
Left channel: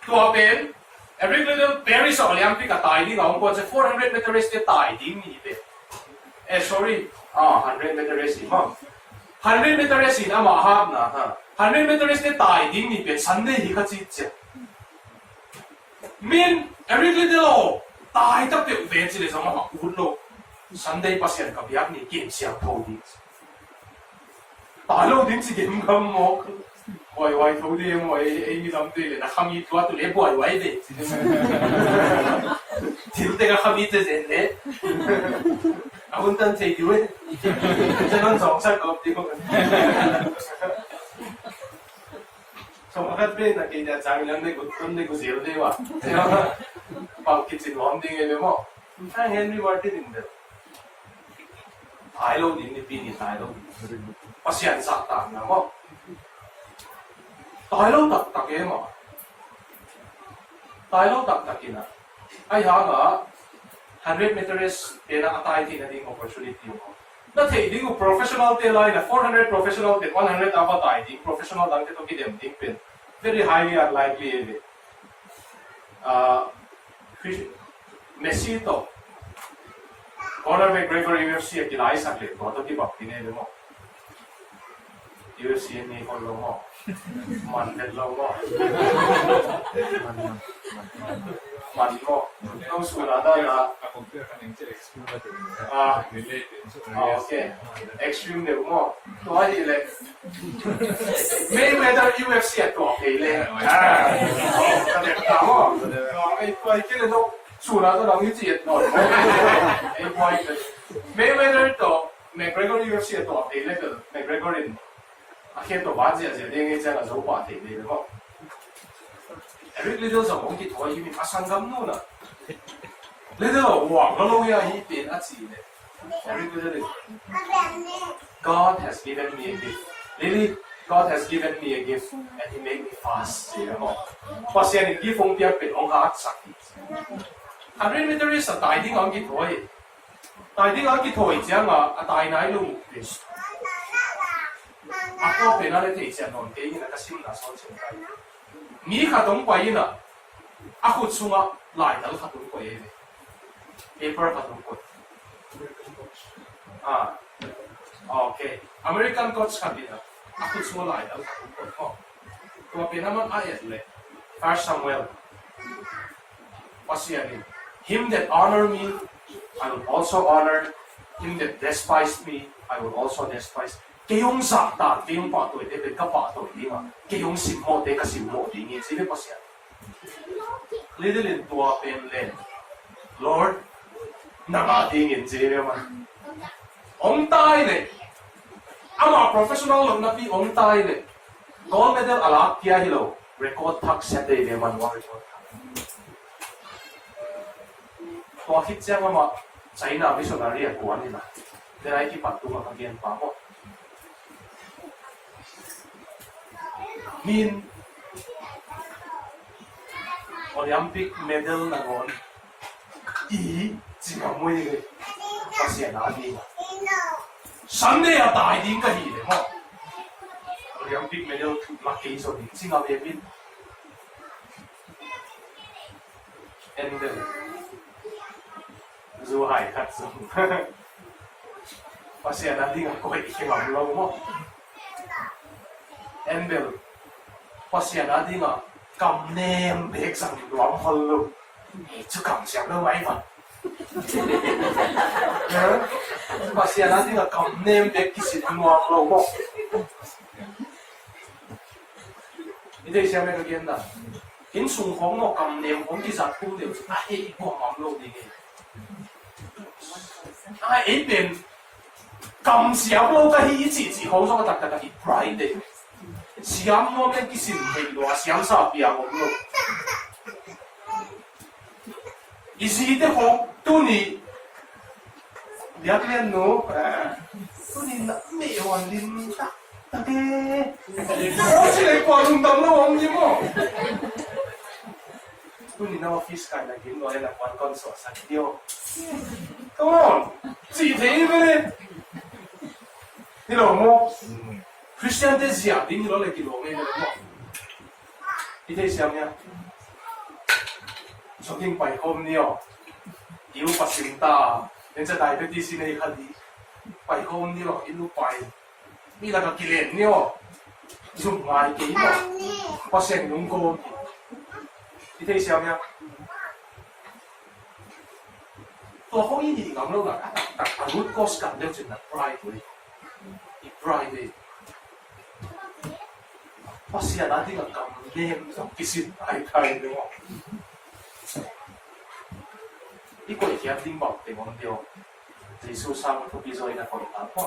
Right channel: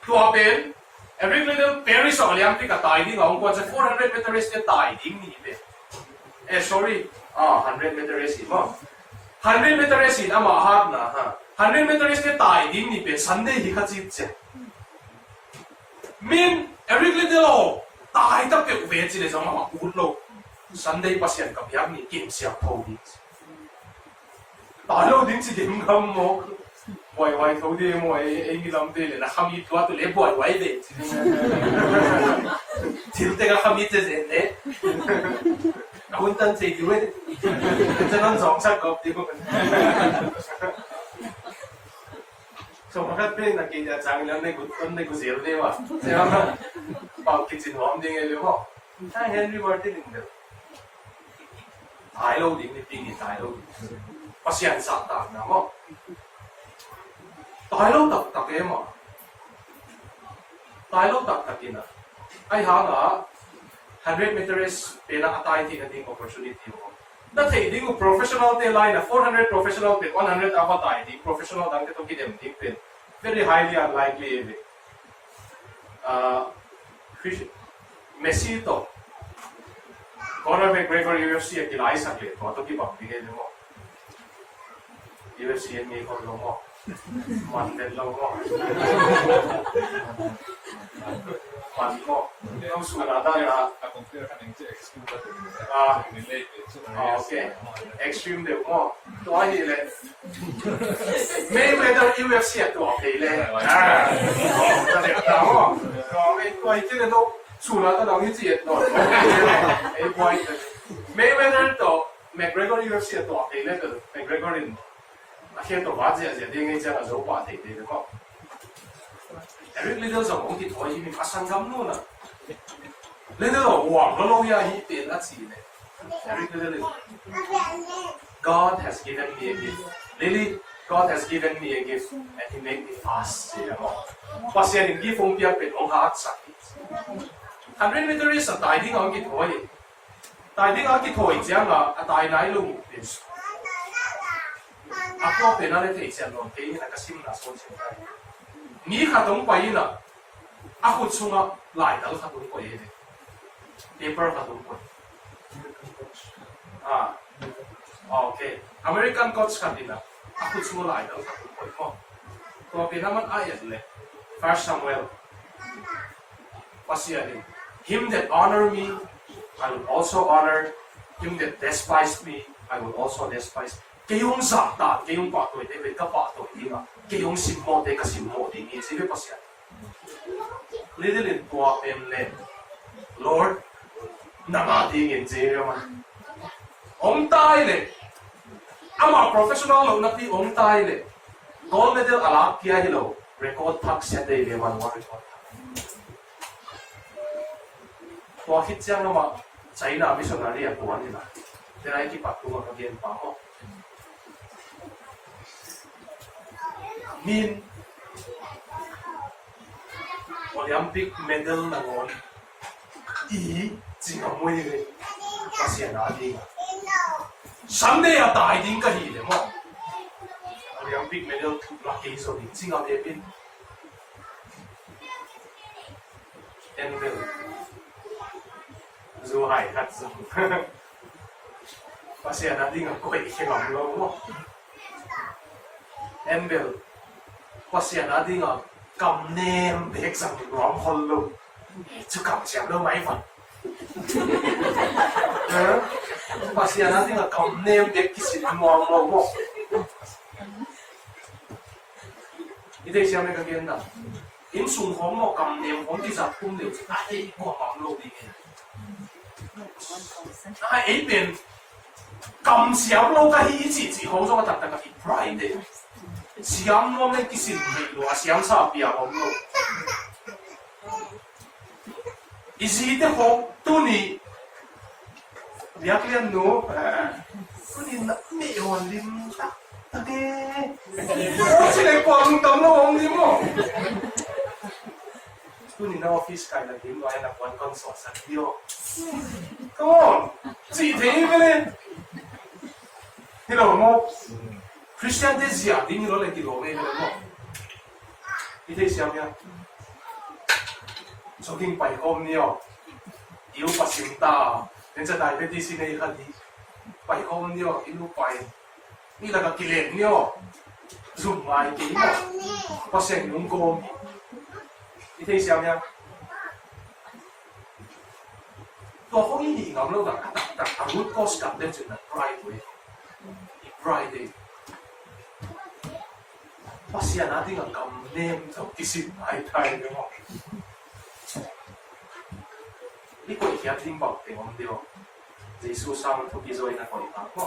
to apen Eric Liddell Paris Olympic at tiding ang ko sa 400 meter race ke tiding ni pe sorry 100 meter race mo 100 meter race na mahab na ha 100 meter race ke tiding ni pe Sunday hi ka chi che min Eric Liddell 大得嘅位置嚟就嘛活路，神地不是人咁樣你見上套啲，大佬點知點咁我？喂土啲喂 A 諗啲，嗱後面嗰度你喂嘅，條定後面隻人咧，我等四條咧，真係撞出個屌，從一邊嗱見日賺兩呢個少啲話，係嘛？包結前黃啲嘅你麼？唔睇 Henry Martin 嘅，大佬點啲邊嘅大佬，不是人撒旦啊麼？大佬特嘅嘛，大佬特嘅na，ay hanga 100 meters pena atay tin nating opportunity mo. Dati di ko professional te line na 400 professional te 100 atay di professional lang to kidem di pen. Very highly unlikely it. Messi to Conor McGregor UFC at kilay saklit mo to kibak tingin mo. UFC ni ko mo. Mandel lang mo. Man mo. Nung sunada na okay. Extreme level mo. To ay ile. Mayweather UFC at to okay le. Kasi tao. Ay ay kaya to sunada lang yung siya no. Ay point. Mayweather to McGregor UFC at to okay le. McGregor din. Akhir to bazi aja dia ngai jangan lupa deh deh kok. Eric Liddell sama orang kita ini pasang kamu na. Liddell wah kalau ya ini beda sih deh. Eric Liddell, God has given me a gift. Really, God has given me a gift and He made me fast. You know, pasien ini gift orang piak orang hard sakit. 100 meter is a tiding orang kita ini. Tiding orang kita ini jangan tiding naik lu. Ako penalty提醒我哋那個心拿手前開，你卡懂鬼呢？ako衝啊來到卡懂鬼嘅 ，paper 卡懂鬼。啊 ，OK，American coach 卡啲啦，ako衝來到卡懂鬼哦。個邊naman ayat le, First Samuel，pasya ni, him that honor me, I will also honor. Him that despise me, I will also despise. 幾種撒旦，幾種白對你俾急白對點啊？幾種羨慕地嘅羨慕點嘅，呢啲不是人。呢啲連多變咧 ，Lord， 能下啲嘅啫嘛。我帶咧，啱啱 professional 路那邊我帶咧，嗰個啲阿拉基喺度 record 拍攝地嘅問我 record 拍。我 hit 將啊嘛，仔嗱俾上嚟啲人講啲啦，你睇啲白度啊個見法麼？ Min Olympic medal na ngon chỉ có mười người và sẽ là đi sáng nay à đại điểm cái gì đấy mà Olympic medal là kỳ số điểm chính là đẹp bin em được dù hải hạt dùng và sẽ là đi ngắm quậy khi ngắm lâu không em được pasien ada nga cầm nem bek sang di ruang hall lo, itu cầm siap lo mai fan. Pasien ada nga cầm nem bek kisi ruang lo mo. Ini siapa yang kagian dah? In sung hong mo cầm nem hong kisah pun dia, ai ko ngam lo di ni. Ai ben cầm siap lo ka hi chỉ hong so ka tak ka pride. Siam mo men kisin hei lo siam sa pia mo lo isi de ho tu ni lihat lihat no tu ni na me wan lim ta ta de si le kwang tam no wang ni mo tu ni na office ka na gin lo ay na kwan kon so sa dio come on si thei me hello mo Christian Desia, din nyo lagi lo may mo. Ito siya niya. Jogging pa home niyo. Iu pasinta. Then sa diabetes na ikadi. Pa home niyo, ilu pa. Ni nagakilin niyo. Zoom ay kayo mo. Paseng nung ko. Ito siya niya. ตัวเขาอีงามเราหนักตักรูดก็สกัดเดียวจนนักไพรเลยอีไพรเลยภาษาหน้าที่กับกำเนิดจะกิสิไทยเลยมั้งอีกคนที่ดิ้งบอกเต็มเดียวเยซูสร้างทุกอย่างในคนต่างก็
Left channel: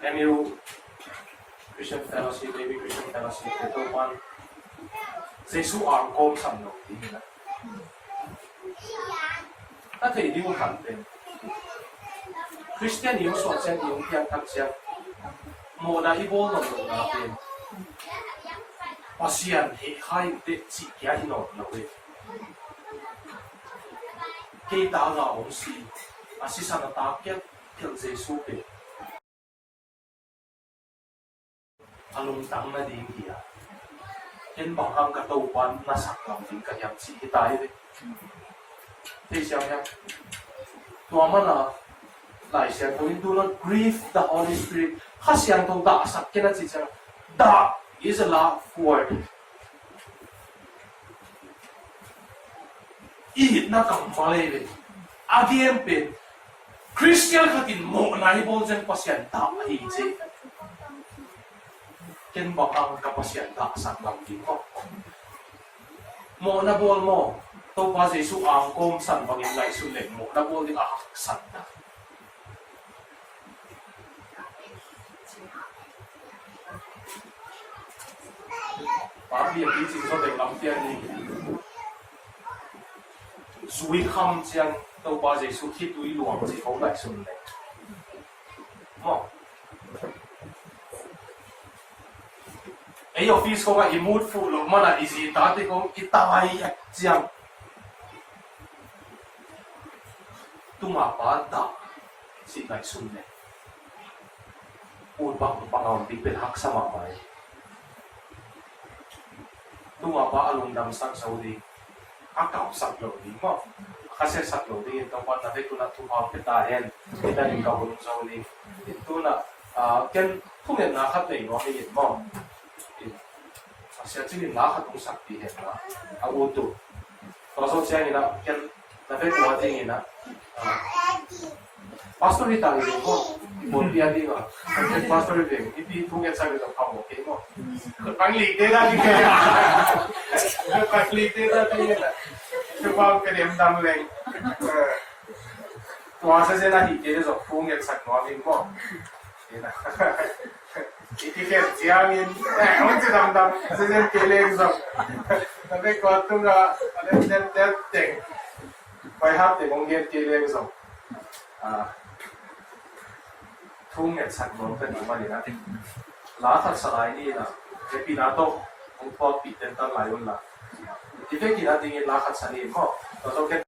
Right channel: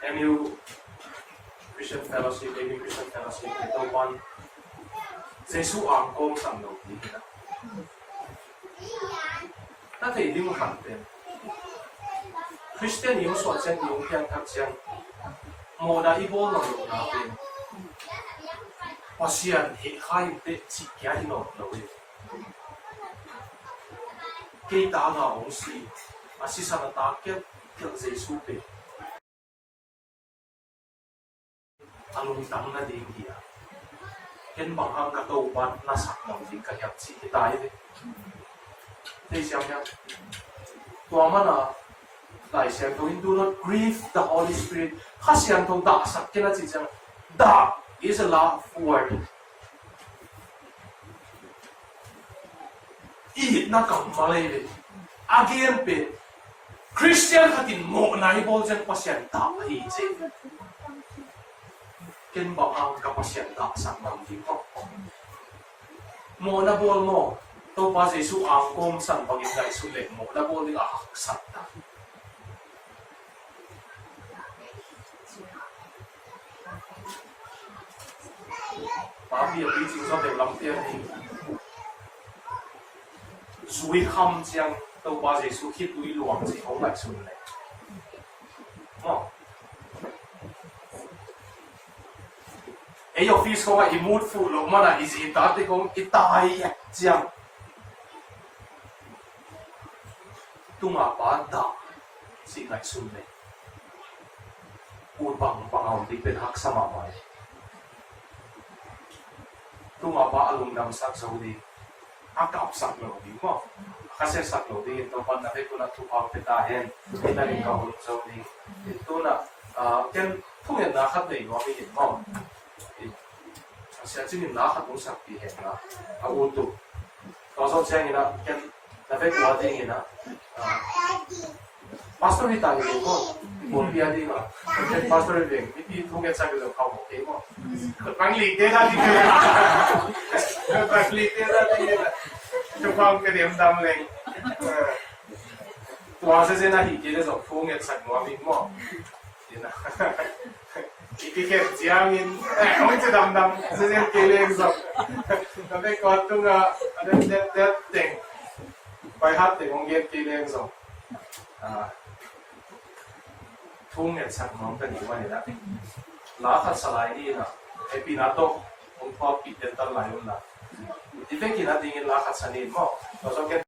เอ็มยู Christian Fellowship, maybe Christian Fellowship, ito man sa isu ang kom sang no di na. Nate di mo hanten. Christian yung so chen yung kyang tak siang mo na ibol no natin. Pasian he hai te chi kya hi no na we. Kita nga ong si asisa na takit kel Jesu pe. Alung tang na ding hiya. Ken bang ang katawan na saklang ding kayang si hitay de. Di siya niya. Tuwa na lai siya to do not grieve the Holy Spirit. Kasi ang to da sak kena si siya. Da is a love word. Ihit na kang malay de. Again pe. Christian katin mo na ibol dyan pa siya da hijay. Ken bang ang kapasyan taksak ng dito. Mo na bol mo, to pa sa isu ang kong san pagin na isulit mo, na bol di akaksan na. Papi ang bising sa telang tiyan ni Sui ham siyang to pa sa isu hit ui luang si kong na isulit. Mo. Ayo office ko nga i-mood full of mana isi dati kong itay at siyang tumapada si Naisunne upang pangawagdipin hak sa mamay tumapa along damsak sa uli akap saklo di mo kasi saklo di ito pa na ko na tumapitahin inaling kahon sa uli ito na ken tumin nakat na iwahiin mo siya cingin lahat mong saktihin na auto. Kasi siya nga kan nafe kuwating na pastor ni tangi ko. Bunya di ba? Kasi pastor din ipi tunget sa gawin ka mo okay mo. Panglite na di kaya. Panglite na di kaya. Kupang kadem dam leng. Tuwa sa sena hiti so tunget sa gawin mo. Ina. Ikiket siangin, once dam, season killing so. Tapi kau nga, that thing, by hati mungkin killing so. Tunget sak mo kan iman ni natin. Lahat sa lain na, happy na to, kung po pitin tan layon na. Ito kinatingin lahat sa nin mo. So kan